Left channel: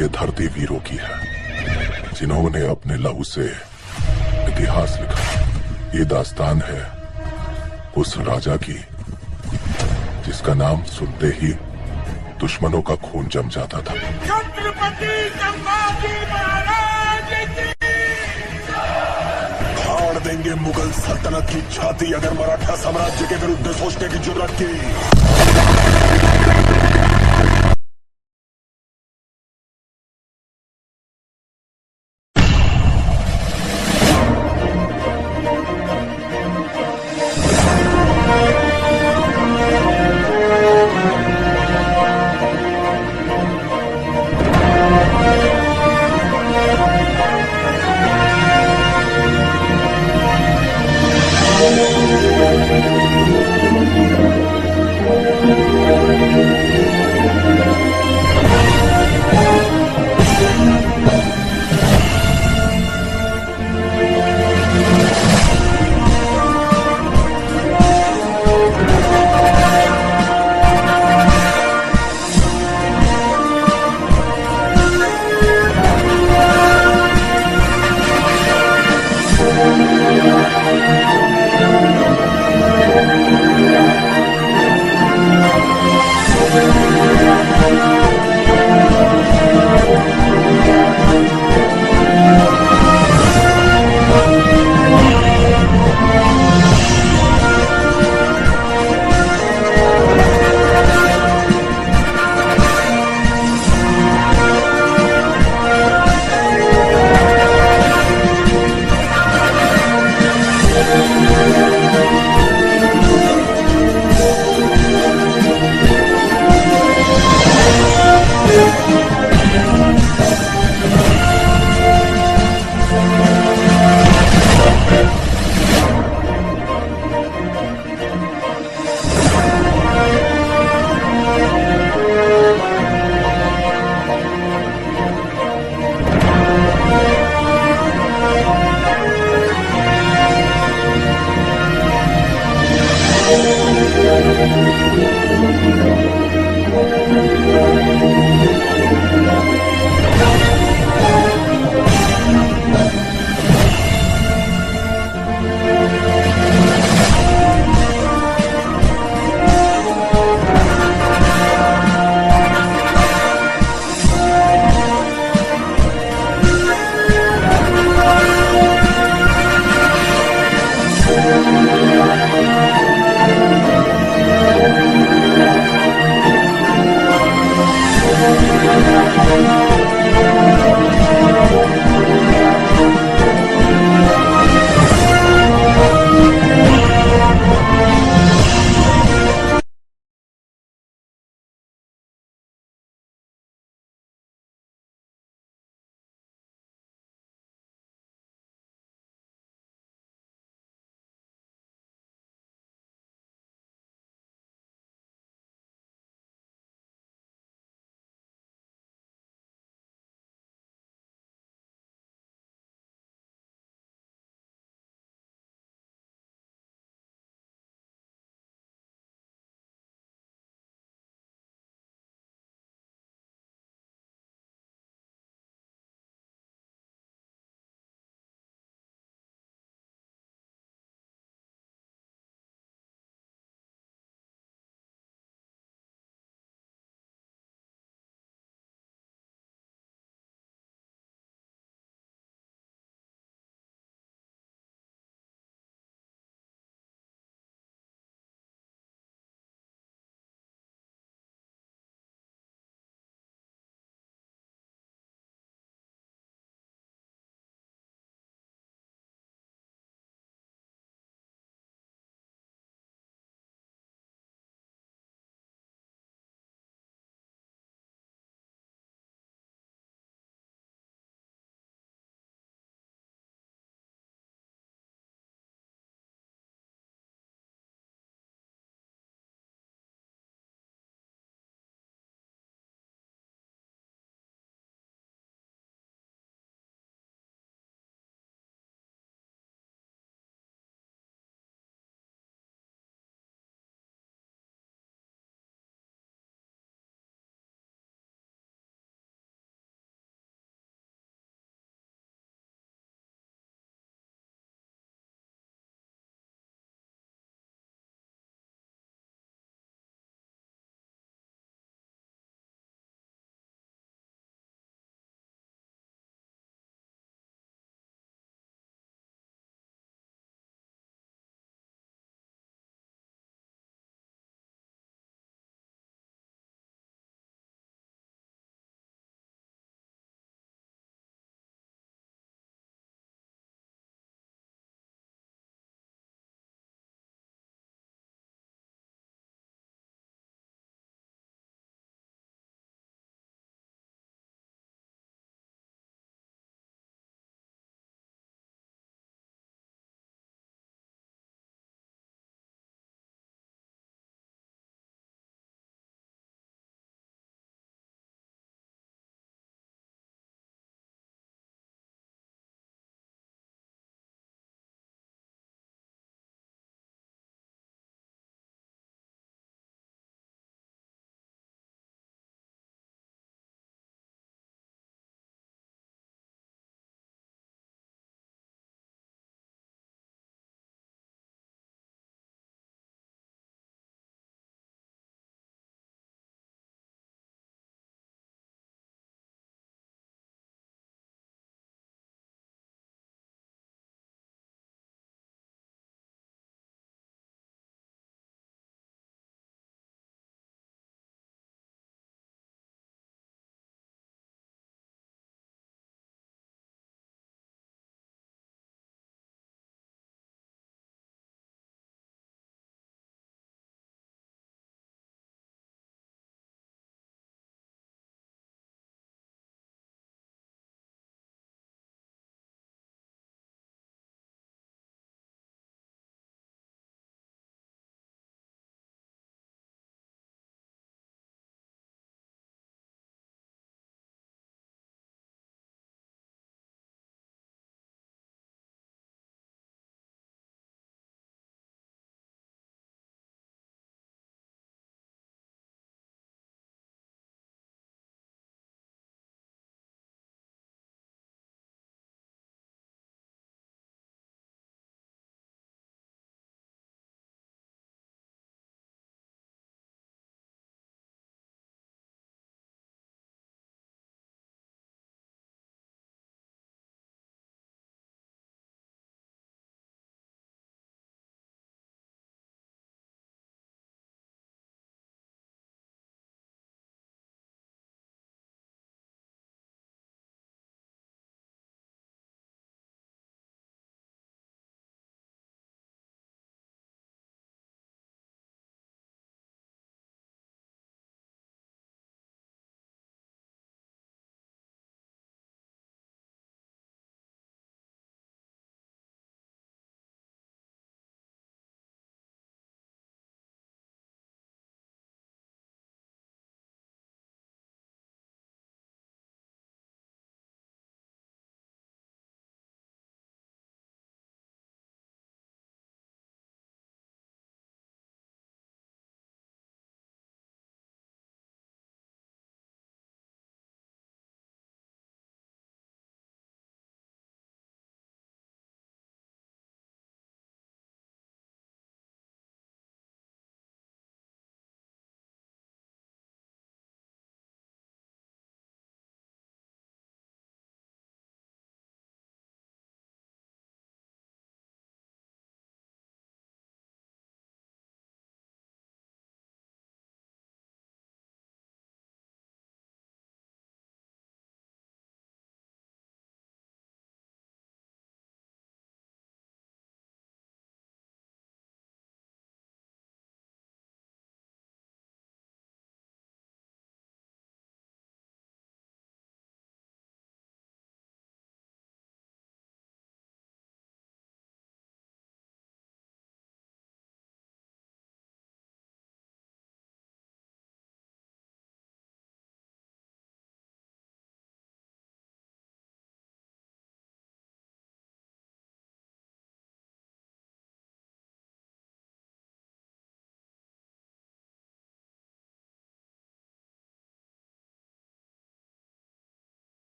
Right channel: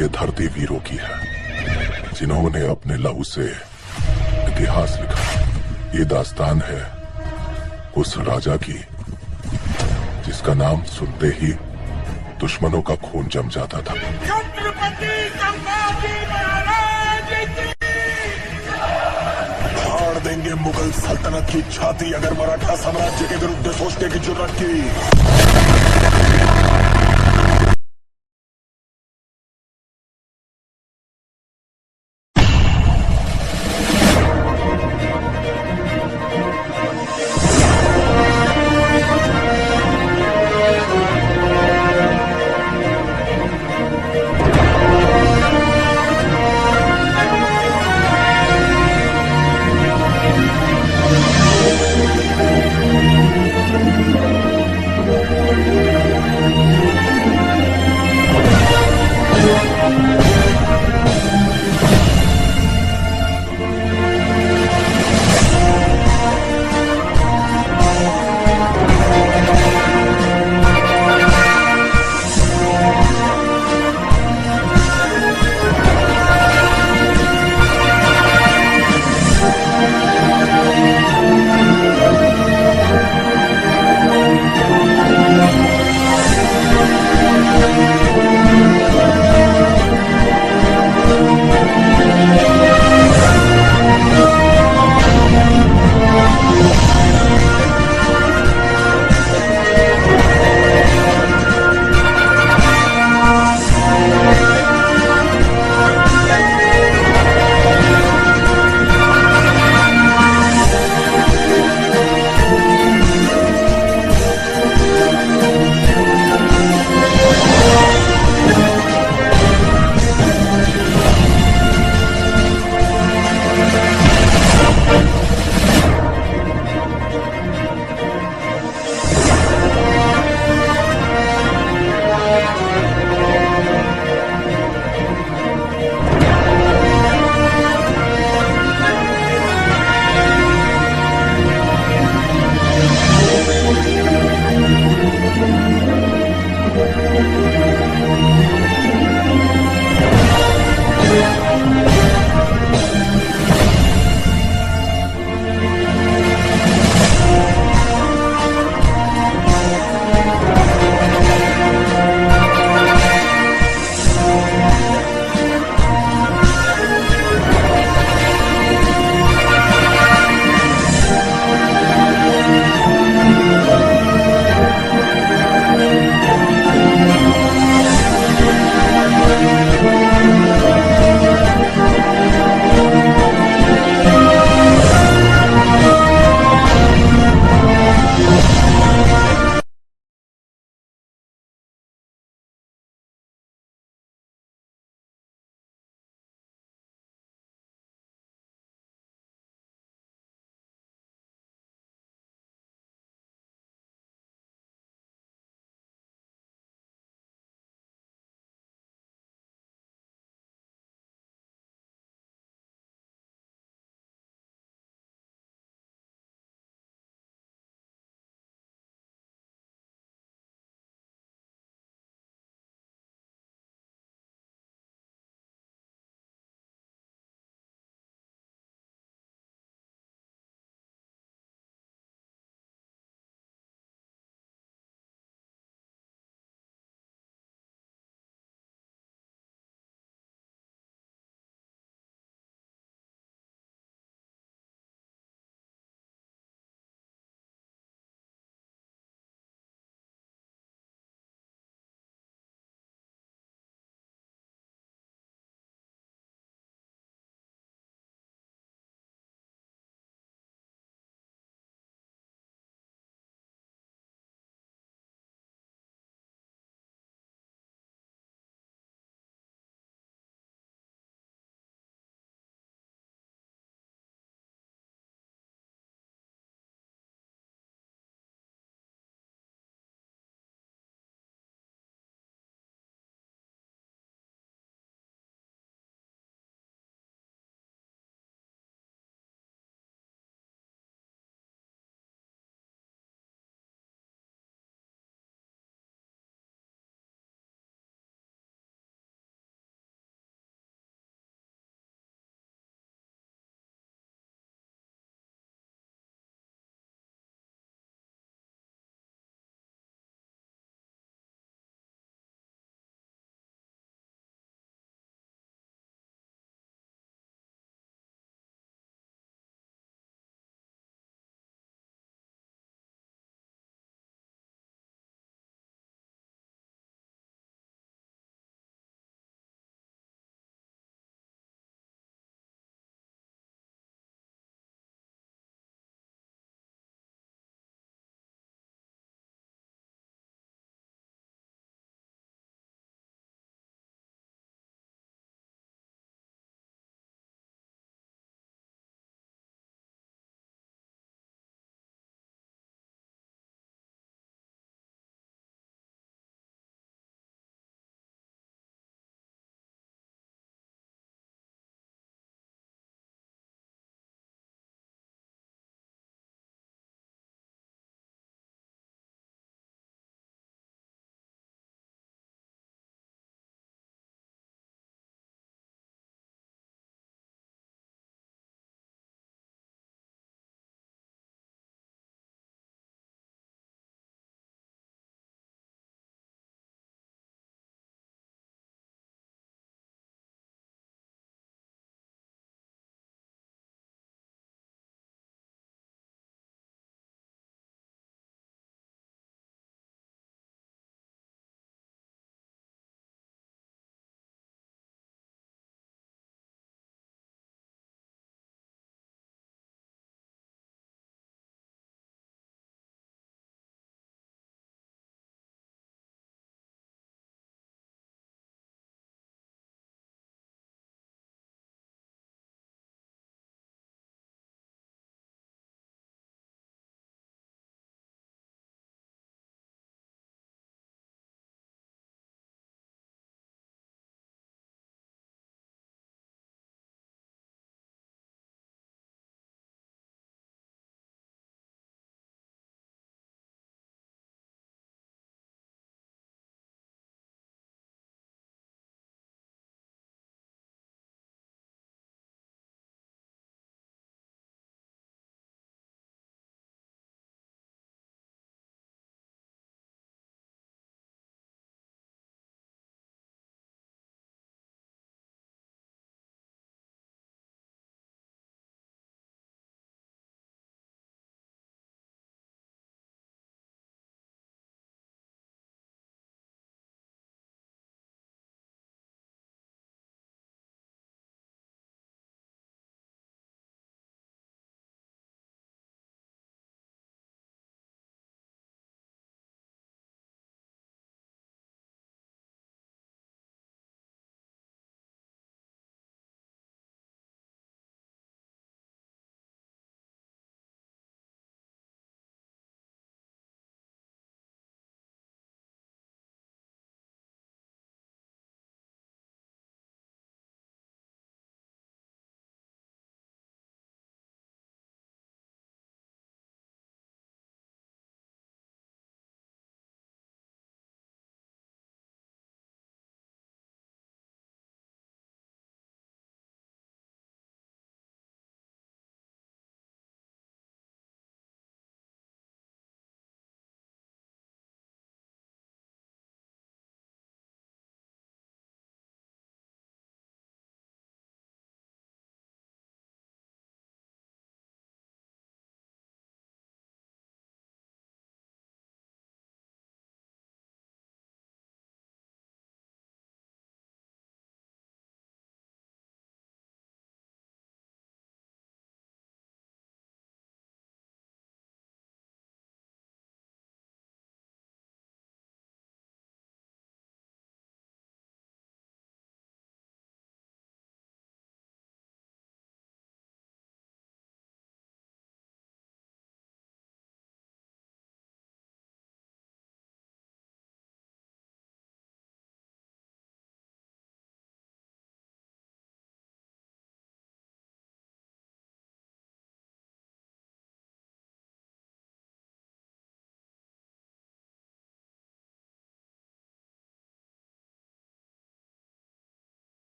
ये धरती वीरों की है, जिन्होंने अपने लहू से इतिहास लिखा। ये दास्तान है उस राजा की जिसका नाम सुनते ही दुश्मनों का खून जम जाता था। छत्रपति संभाजी महाराज की फाड़ देंगे मुगल सल्तनत की छाती अगर मराठा साम्राज्य के विरुद्ध सोचने की जुर्रत की।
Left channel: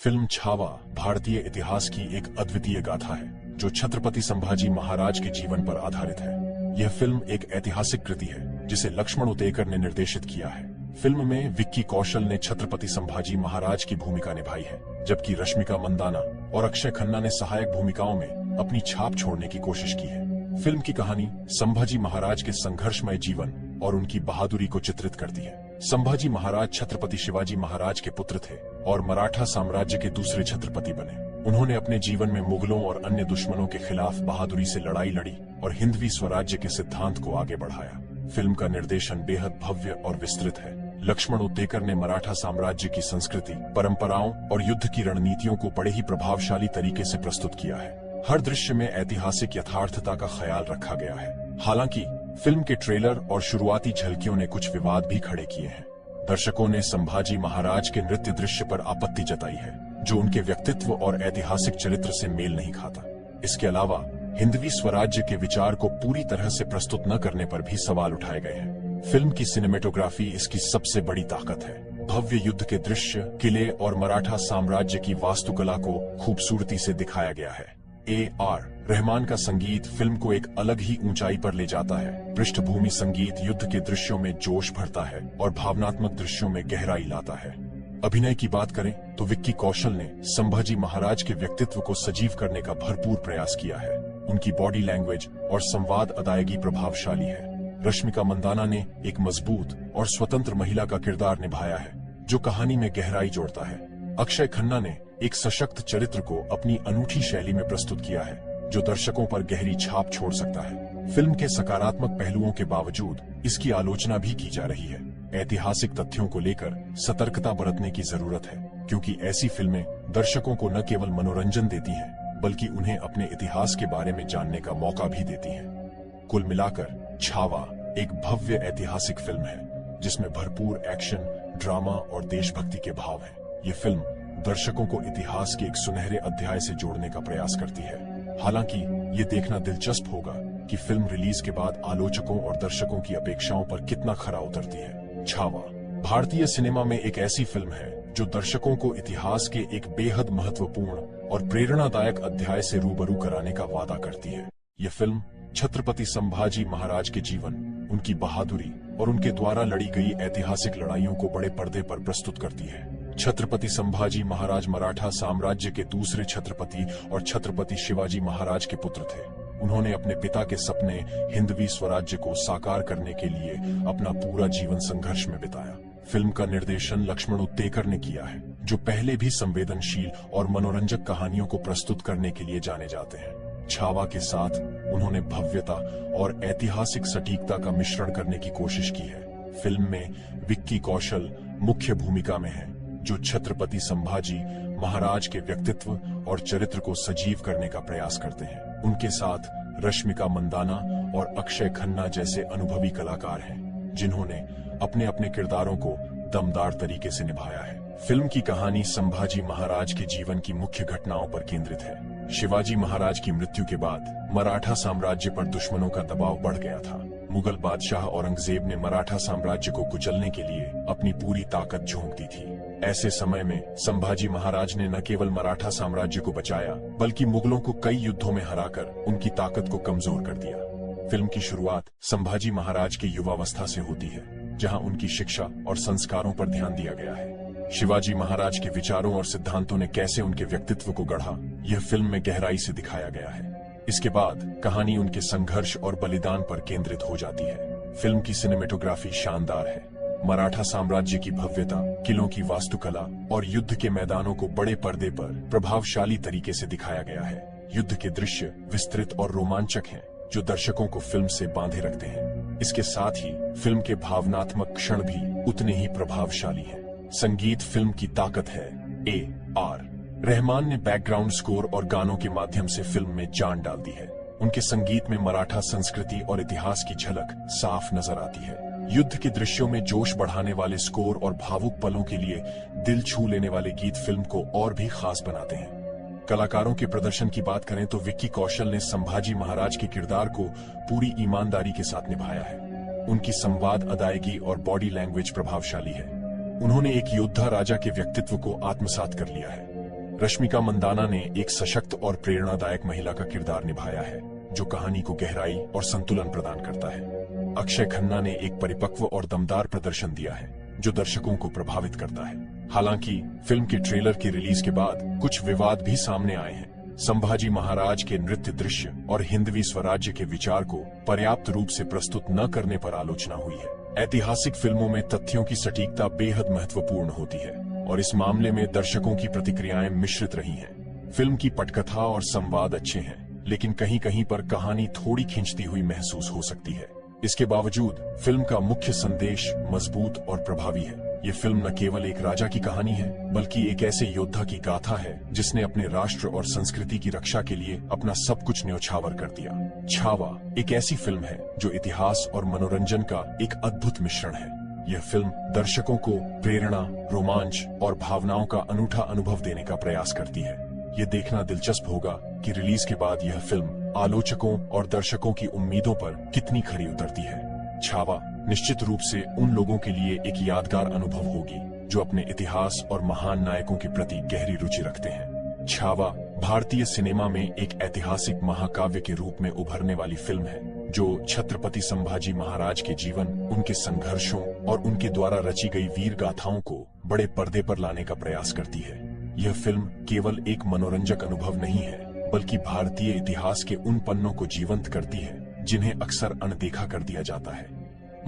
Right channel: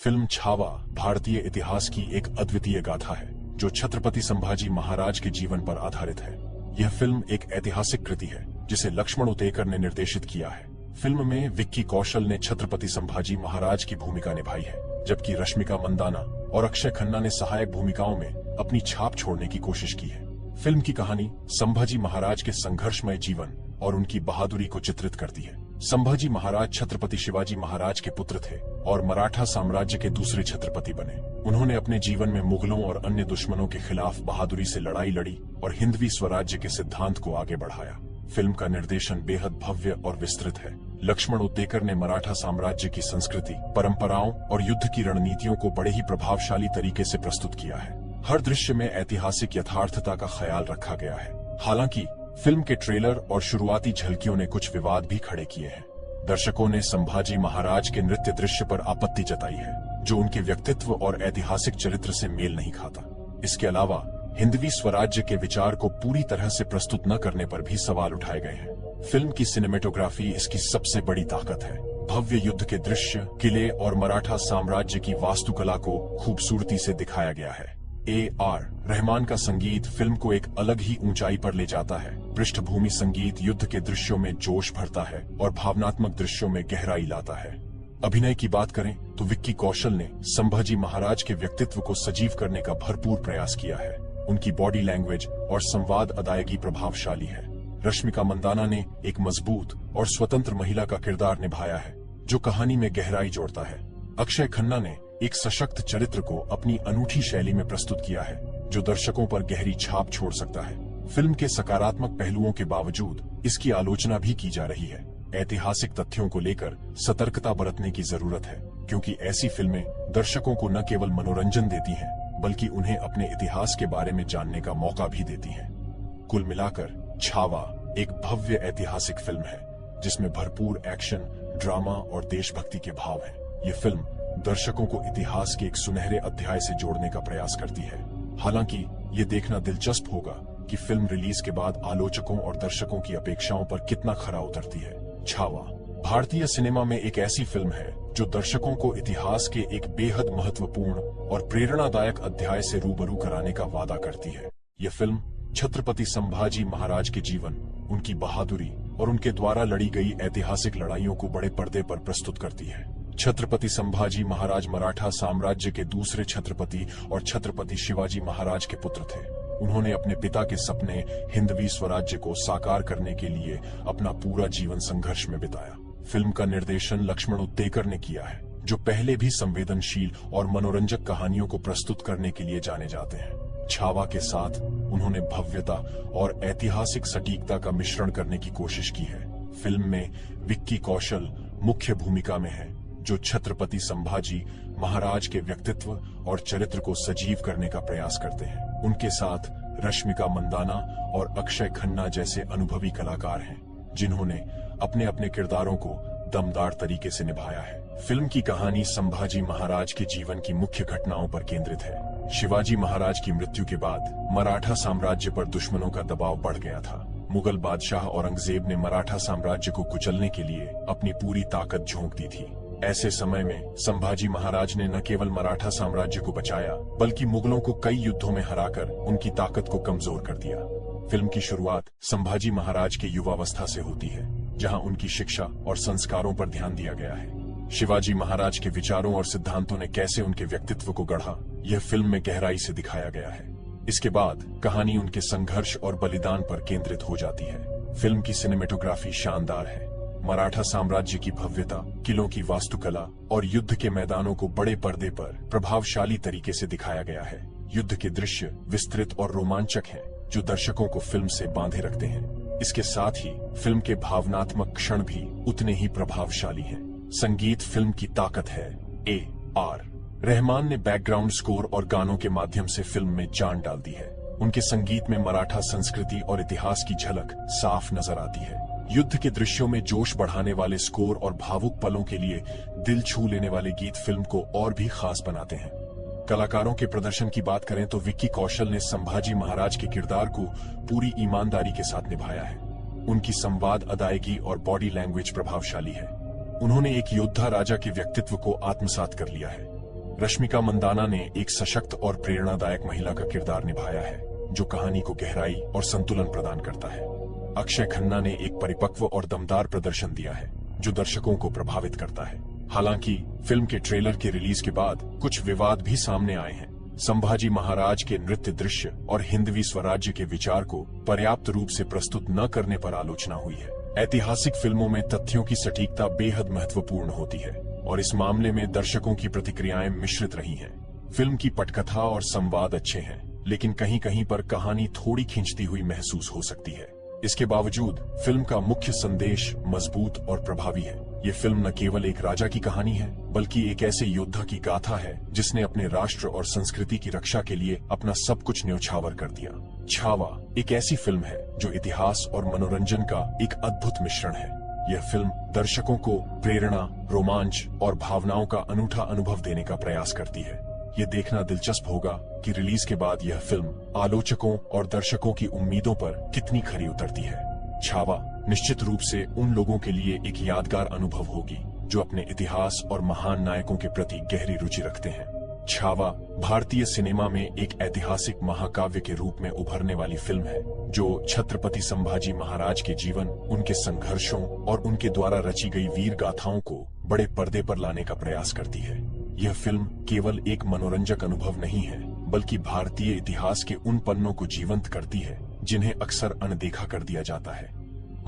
फिल्म छावा भारतीय इतिहास की एक अद्वितीय गाथा है जो छत्रपति संभाजी महाराज के जीवन पर आधारित है। यह फिल्म एक ऐतिहासिक कृति है जिसे लक्ष्मण उतेकर ने निर्देशित किया है। फिल्म में विक्की कौशल ने छत्रपति संभाजी महाराज की भूमिका निभाई है, जबकि रश्मिका मंदाना और अक्षय खन्ना ने सहायक भूमिकाओं में अपनी छाप छोड़ने की कोशिश की है। फिल्म की कहानी संभाजी महाराज के संघर्षमय जीवन और उनकी बहादुरी को चित्रित करती है। संभाजी महाराज छत्रपति शिवाजी महाराज के पुत्र थे और मराठा साम्राज्य के दूसरे छत्रपति बने। उन्होंने अपने जीवन में मुगलों और अन्य दुश्मनों के खिलाफ बहादुरी से लड़ाई लड़ी और हिंदवी स्वराज्य के सिद्धांत को आगे बढ़ाया। फिल्म का निर्देशन बेहद भव्य और विस्तृत है। लक्ष्मण उतेकर ने मराठा साम्राज्य की संस्कृति, परंपराओं और युद्ध की रणनीतियों को बड़े ही प्रभावशाली तरीके से प्रस्तुत किया है। हर दृश्य में ऐतिहासिक यथार्थता का ख्याल रखा गया है। हालांकि फिल्म के ट्रेलर और शुरुआती झलकियों ने कुछ विवाद भी खड़े किए हैं। दर्शकों ने संभाजी महाराज के नृत्य दृश्य पर आपत्ति जताई है, जो उनके व्यक्तित्व और ऐतिहासिक चरित्र से मेल नहीं खाता। इसके अलावा हिंदवी स्वराज्य के विचार को पूरी तरह से प्रस्तुत न करने पर भी सवाल उठाए गए हैं। फिल्म की सिनेमेटोग्राफी इसकी सबसे बड़ी ताकत है। भव्य युद्ध के दृश्य, किले और मराठा साम्राज्य की वास्तुकला को खूबसूरती से दिखाया गया है। A.R. रहमान का संगीत फिल्म को एक अलग ही ऊंचाई पर ले जाता है। पृष्ठभूमि संगीत युद्ध के दृश्यों में जोश भरता है और भावनात्मक दृश्यों में गहराई लाता है। अभिनय की बात करें तो विक्की कौशल ने संभाजी महाराज के व्यक्तित्व को सजीव करने का भरपूर प्रयास किया है। उनकी बॉडी लैंग्वेज और संवाद अदायगी प्रभावशाली है। रश्मिका मंदाना ने एक मजबूत और स्वतंत्र महिला का किरदार निभाया है, जो कहानी में गहराई जोड़ता है। अक्षय खन्ना ने एक सशक्त चरित्र को अपनी अनूठी शैली में प्रस्तुत किया है, जो दर्शकों पर गहरी छाप छोड़ सकता है। फिल्म के सकारात्मक पहलुओं के बावजूद इसकी आलोचना भी की जा रही है। ऐतिहासिक तथ्यों को लेकर सतर्कता बरतने की जरूरत है, क्योंकि ऐसी फिल्में दर्शकों को न केवल मनोरंजन देती हैं, बल्कि उन्हें अपने इतिहास के बारे में जानने का मौका भी देती हैं। कुल मिलाकर छावा एक भव्य ऐतिहासिक फिल्म है, जिसमें भरपूर एक्शन, ड्रामा और देशभक्ति के भाव हैं। ये फिल्म दर्शकों को इतिहास के एक सुनहरे अध्याय से जोड़ने का प्रयास करती है। हालांकि ये देखना दिलचस्प होगा कि फिल्म रिलीज के बाद आलोचकों और दर्शकों की अपेक्षाओं पर कितना खरा उतरती है। छावा भारतीय सिनेमा में एक ऐसी फिल्म है जो दर्शकों को इतिहास के एक बेहद महत्वपूर्ण और प्रेरणादायक अध्याय से रूबरू कराने का वादा करती है। ये फिल्म छत्रपति संभाजी महाराज के जीवन, उनकी बहादुरी और उनके द्वारा लड़ी गई ऐतिहासिक लड़ाइयों को बड़े पर्दे पर प्रस्तुत करती है। छत्रपति संभाजी महाराज मराठा साम्राज्य के दूसरे छत्रपति और छत्रपति शिवाजी महाराज के पुत्र थे। उन्होंने अपने पिता के सपने हिंदवी स्वराज्य को साकार करने के लिए अपना पूरा जीवन संघर्ष में बिताया। फिल्म का निर्देशन लक्ष्मण उतेकर ने किया है, जो पहले भी संवेदनशील और मनोरंजक कहानियों को प्रस्तुत करने के लिए जाने जाते हैं। छावा के साथ उन्होंने भव्यता और ऐतिहासिक सटीकता का मिश्रण करने की कोशिश की है। फिल्म में विक्की कौशल मुख्य भूमिका में है, जो छत्रपति संभाजी महाराज के व्यक्तित्व और चरित्र को सजीव करने का प्रयास करते हैं। उनके साथ रश्मिका मंदाना और अक्षय खन्ना जैसे अनुभवी कलाकार हैं, जिन्होंने अपने अपने किरदारों को दमदार तरीके से निभाया है। फिल्म की कहानी संभाजी महाराज के जीवन की मुख्य घटनाओं पर केंद्रित है। शिवाजी महाराज की मृत्यु के बाद मराठा साम्राज्य पर दुश्मनों का दबाव बढ़ गया था। मुगल बादशाह औरंगजेब ने मराठा साम्राज्य को कुचलने के लिए अपनी पूरी ताकत झोंक दी थी। ऐसे समय में संभाजी महाराज ने न केवल मराठा साम्राज्य को बचाया, बल्कि मुगलों को कई युद्धों में हराकर उनकी ताकत को कमजोर कर दिया। फिल्म की शुरुआत संभाजी महाराज के युवावस्था से होती है, जहां उनकी शिक्षा और संस्कारों पर ध्यान दिया गया है। शिवाजी महाराज के विचारों और सिद्धांतों ने कैसे उनके व्यक्तित्व को गढ़ा, यह फिल्म में गहराई से दिखाया गया है। इसके बाद कहानी उनके संघर्ष और बलिदान पर केंद्रित हो जाती है। फिल्म की सिनेमेटोग्राफी शानदार है। मराठा साम्राज्य की भव्यता, किलों की वास्तुकला और युद्ध के मैदानों को बड़े पर्दे पर प्रभावशाली तरीके से दिखाया गया है। युद्ध के दृश्य विस्तृत और रोमांचक हैं, जो दर्शकों को फिल्म से बांधे रखते हैं। इसके साथ ही फिल्म के भावनात्मक क्षण भी उतने ही प्रभावशाली हैं। संगीत फिल्म की ताकत है। A.R. रहमान ने बैकग्राउंड स्कोर और गानों के माध्यम से फिल्म में जान डाल दी है। उनके संगीत में मराठा संस्कृति और इतिहास की झलक साफ नजर आती है। युद्ध के दृश्यों में जोश बढ़ाने वाले स्कोर और भावुक पलों के लिए दिल छू लेने वाले गीत फिल्म को और भी खास बनाते हैं। कलाकारों के प्रदर्शन की बात करें तो विक्की कौशल ने संभाजी महाराज के किरदार को पूरी ईमानदारी के साथ निभाया है। उनकी संवाद अदायगी और बॉडी लैंग्वेज प्रभावशाली है। उन्होंने एक योद्धा राजा के व्यक्तित्व को आत्मसात कर लिया है। रश्मिका मंदाना ने एक सशक्त और प्रेरणादायक महिला का किरदार निभाया है जो कहानी को गहराई और संतुलन प्रदान करता है। अक्षय खन्ना ने एक परिपक्व और दमदार प्रदर्शन दिया है जो दर्शकों को प्रभावित करता है। हालांकि फिल्म के ट्रेलर की रिलीज के बाद कुछ विवाद भी सामने आए हैं। संभाजी महाराज के नृत्य दृश्य और हिंदवी स्वराज्य के विचार को पर्याप्त रूप से प्रस्तुत न करने पर आलोचना हुई है। ऐतिहासिक फिल्मों में तथ्यों की सटीकता बेहद महत्वपूर्ण होती है और इस मामले में दर्शकों की प्रतिक्रियाएं मिश्रित रही हैं। फिल्म की पटकथा और संवाद अच्छे हैं, लेकिन कहीं कहीं पर कहानी थोड़ी खींचती हुई महसूस हो सकती है। इसके बावजूद फिल्म का मुख्य संदेश मजबूत और प्रभावी है। ये फिल्म न केवल एक राजा की कहानी है, बल्कि एक ऐसे योद्धा की गाथा है जिसने अपने राष्ट्र और संस्कृति की रक्षा के लिए अपना सब कुछ न्यौछावर कर दिया। छावा एक ऐसी फिल्म है जो इतिहास और मनोरंजन का एक अद्भुत मिश्रण है। यह फिल्म दर्शकों को प्रेरणा, रोमांच और भावनाओं का अनूठा अनुभव देने का प्रयास करती है। ये देखना दिलचस्प होगा कि रिलीज के बाद यह फिल्म आलोचकों और दर्शकों की उम्मीदों पर कितनी खरी उतरती है। छावा निश्चित रूप से उन लोगों के लिए एक यादगार अनुभव होगी जो अपने इतिहास और महान नायकों के प्रति गहरी रुचि रखते हैं। छावा भारतीय सिनेमा में एक ऐतिहासिक महाकाव्य के रूप में उभरने वाली फिल्म है जो छत्रपति संभाजी महाराज के जीवन, उनके संघर्षों और उनके द्वारा रची गई वीर गाथाओं को बड़े पर्दे पर लाने का प्रयास करती है। यह फिल्म केवल एक मनोरंजक अनुभव नहीं है, बल्कि भारतीय इतिहास के उन पन्नों को जीवंत करती है जिन्हें अक्सर अनदेखा कर दिया जाता है।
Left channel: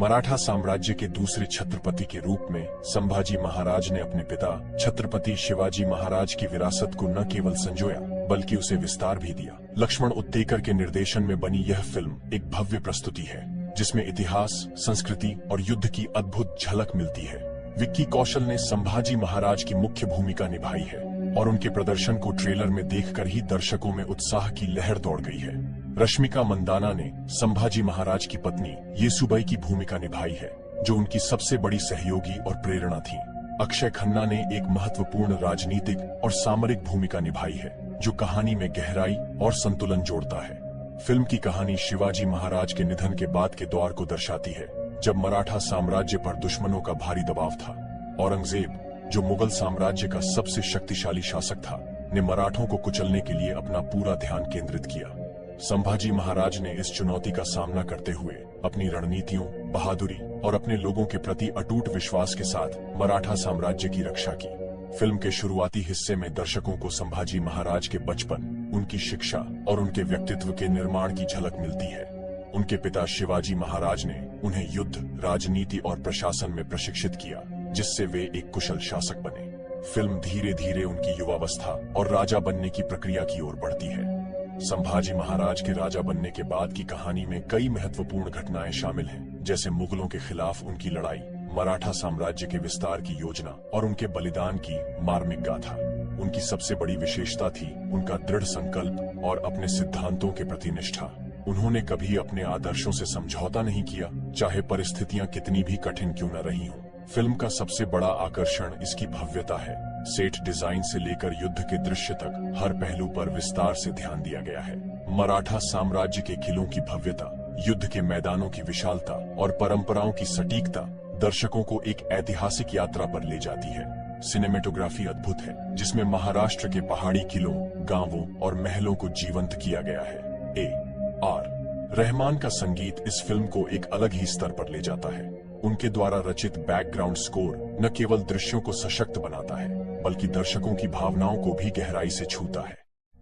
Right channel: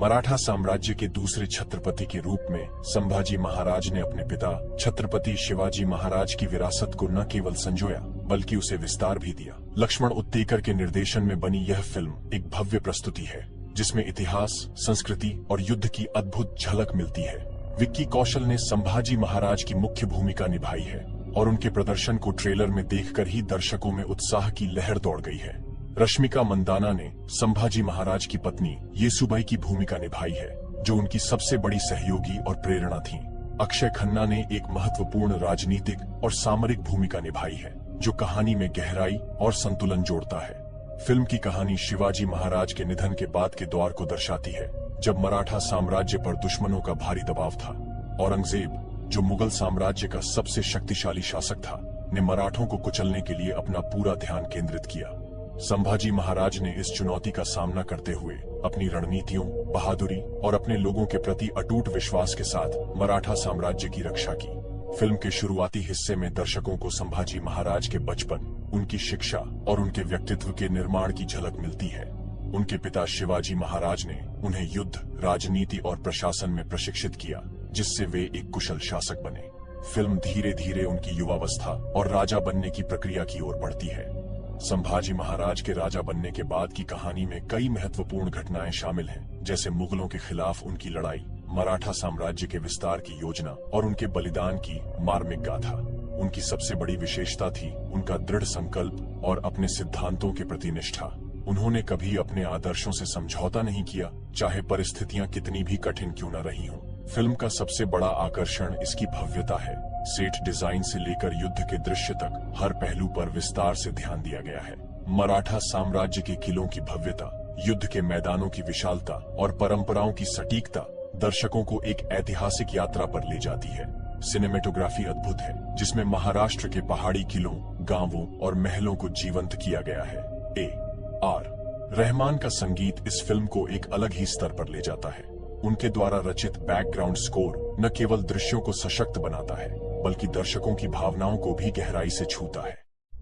मराठा साम्राज्य के दूसरे छत्रपति के रूप में संभाजी महाराज ने अपने पिता छत्रपति शिवाजी महाराज की विरासत को न केवल संजोया बल्कि उसे विस्तार भी दिया। लक्ष्मण उत्तेकर के निर्देशन में बनी यह फिल्म एक भव्य प्रस्तुति है जिसमें इतिहास, संस्कृति और युद्ध की अद्भुत झलक मिलती है। विक्की कौशल ने संभाजी महाराज की मुख्य भूमिका निभाई है और उनके प्रदर्शन को ट्रेलर में देखकर ही दर्शकों में उत्साह की लहर दौड़ गई है। रश्मिका मंदाना ने संभाजी महाराज की पत्नी येसुबाई की भूमिका निभाई है जो उनकी सबसे बड़ी सहयोगी और प्रेरणा थी। अक्षय खन्ना ने एक महत्वपूर्ण राजनीतिक और सामरिक भूमिका निभाई है जो कहानी में गहराई और संतुलन जोड़ता है। फिल्म की कहानी शिवाजी महाराज के निधन के बाद के दौर को दर्शाती है जब मराठा साम्राज्य पर दुश्मनों का भारी दबाव था। औरंगजेब, जो मुगल साम्राज्य का सबसे शक्तिशाली शासक था, ने मराठों को कुचलने के लिए अपना पूरा ध्यान केंद्रित किया। संभाजी महाराज ने इस चुनौती का सामना करते हुए अपनी रणनीतियों, बहादुरी और अपने लोगों के प्रति अटूट विश्वास के साथ मराठा साम्राज्य की रक्षा की। फिल्म के शुरुआती हिस्से में दर्शकों को संभाजी महाराज के बचपन, उनकी शिक्षा और उनके व्यक्तित्व के निर्माण की झलक मिलती है। उनके पिता शिवाजी महाराज ने उन्हें युद्ध, राजनीति और प्रशासन में प्रशिक्षित किया जिससे वे एक कुशल शासक बने। फिल्म धीरे धीरे उनकी युवावस्था और राजा बनने की प्रक्रिया की ओर बढ़ती है। संभाजी महाराज के राजा बनने के बाद की कहानी में कई महत्वपूर्ण घटनाएं शामिल हैं, जैसे मुगलों के खिलाफ उनकी लड़ाई, मराठा साम्राज्य के विस्तार की योजना और उनके बलिदान की मार्मिक गाथा। उनकी सबसे बड़ी विशेषता थी उनका दृढ़ संकल्प और अपने सिद्धांतों के प्रति निष्ठा। उन्होंने कभी अपने आदर्शों से समझौता नहीं किया, चाहे परिस्थितियां कितनी भी कठिन क्यों न रही हों। फिल्म का सबसे बड़ा आकर्षण इसकी भव्यता है। सेट डिजाइन से लेकर युद्ध के दृश्य तक हर पहलू पर विस्तार से ध्यान दिया गया है। मराठा साम्राज्य के किलों की भव्यता, युद्ध के मैदानों की विशालता और परंपराओं की सटीकता दर्शकों को एक ऐतिहासिक यात्रा पर ले जाती है। सिनेमेटोग्राफी अद्भुत है, जिसमें महाराष्ट्र के पहाड़ी किलों, गांवों और महलों को जीवंत किया गया है। A.R. रहमान का संगीत इस फिल्म को एक अलग ही स्तर पर ले जाता है। उनके द्वारा रचित बैकग्राउंड स्कोर न केवल दृश्यों को सशक्त बनाता है, बल्कि दर्शकों की भावनाओं को भी गहराई से छूता है।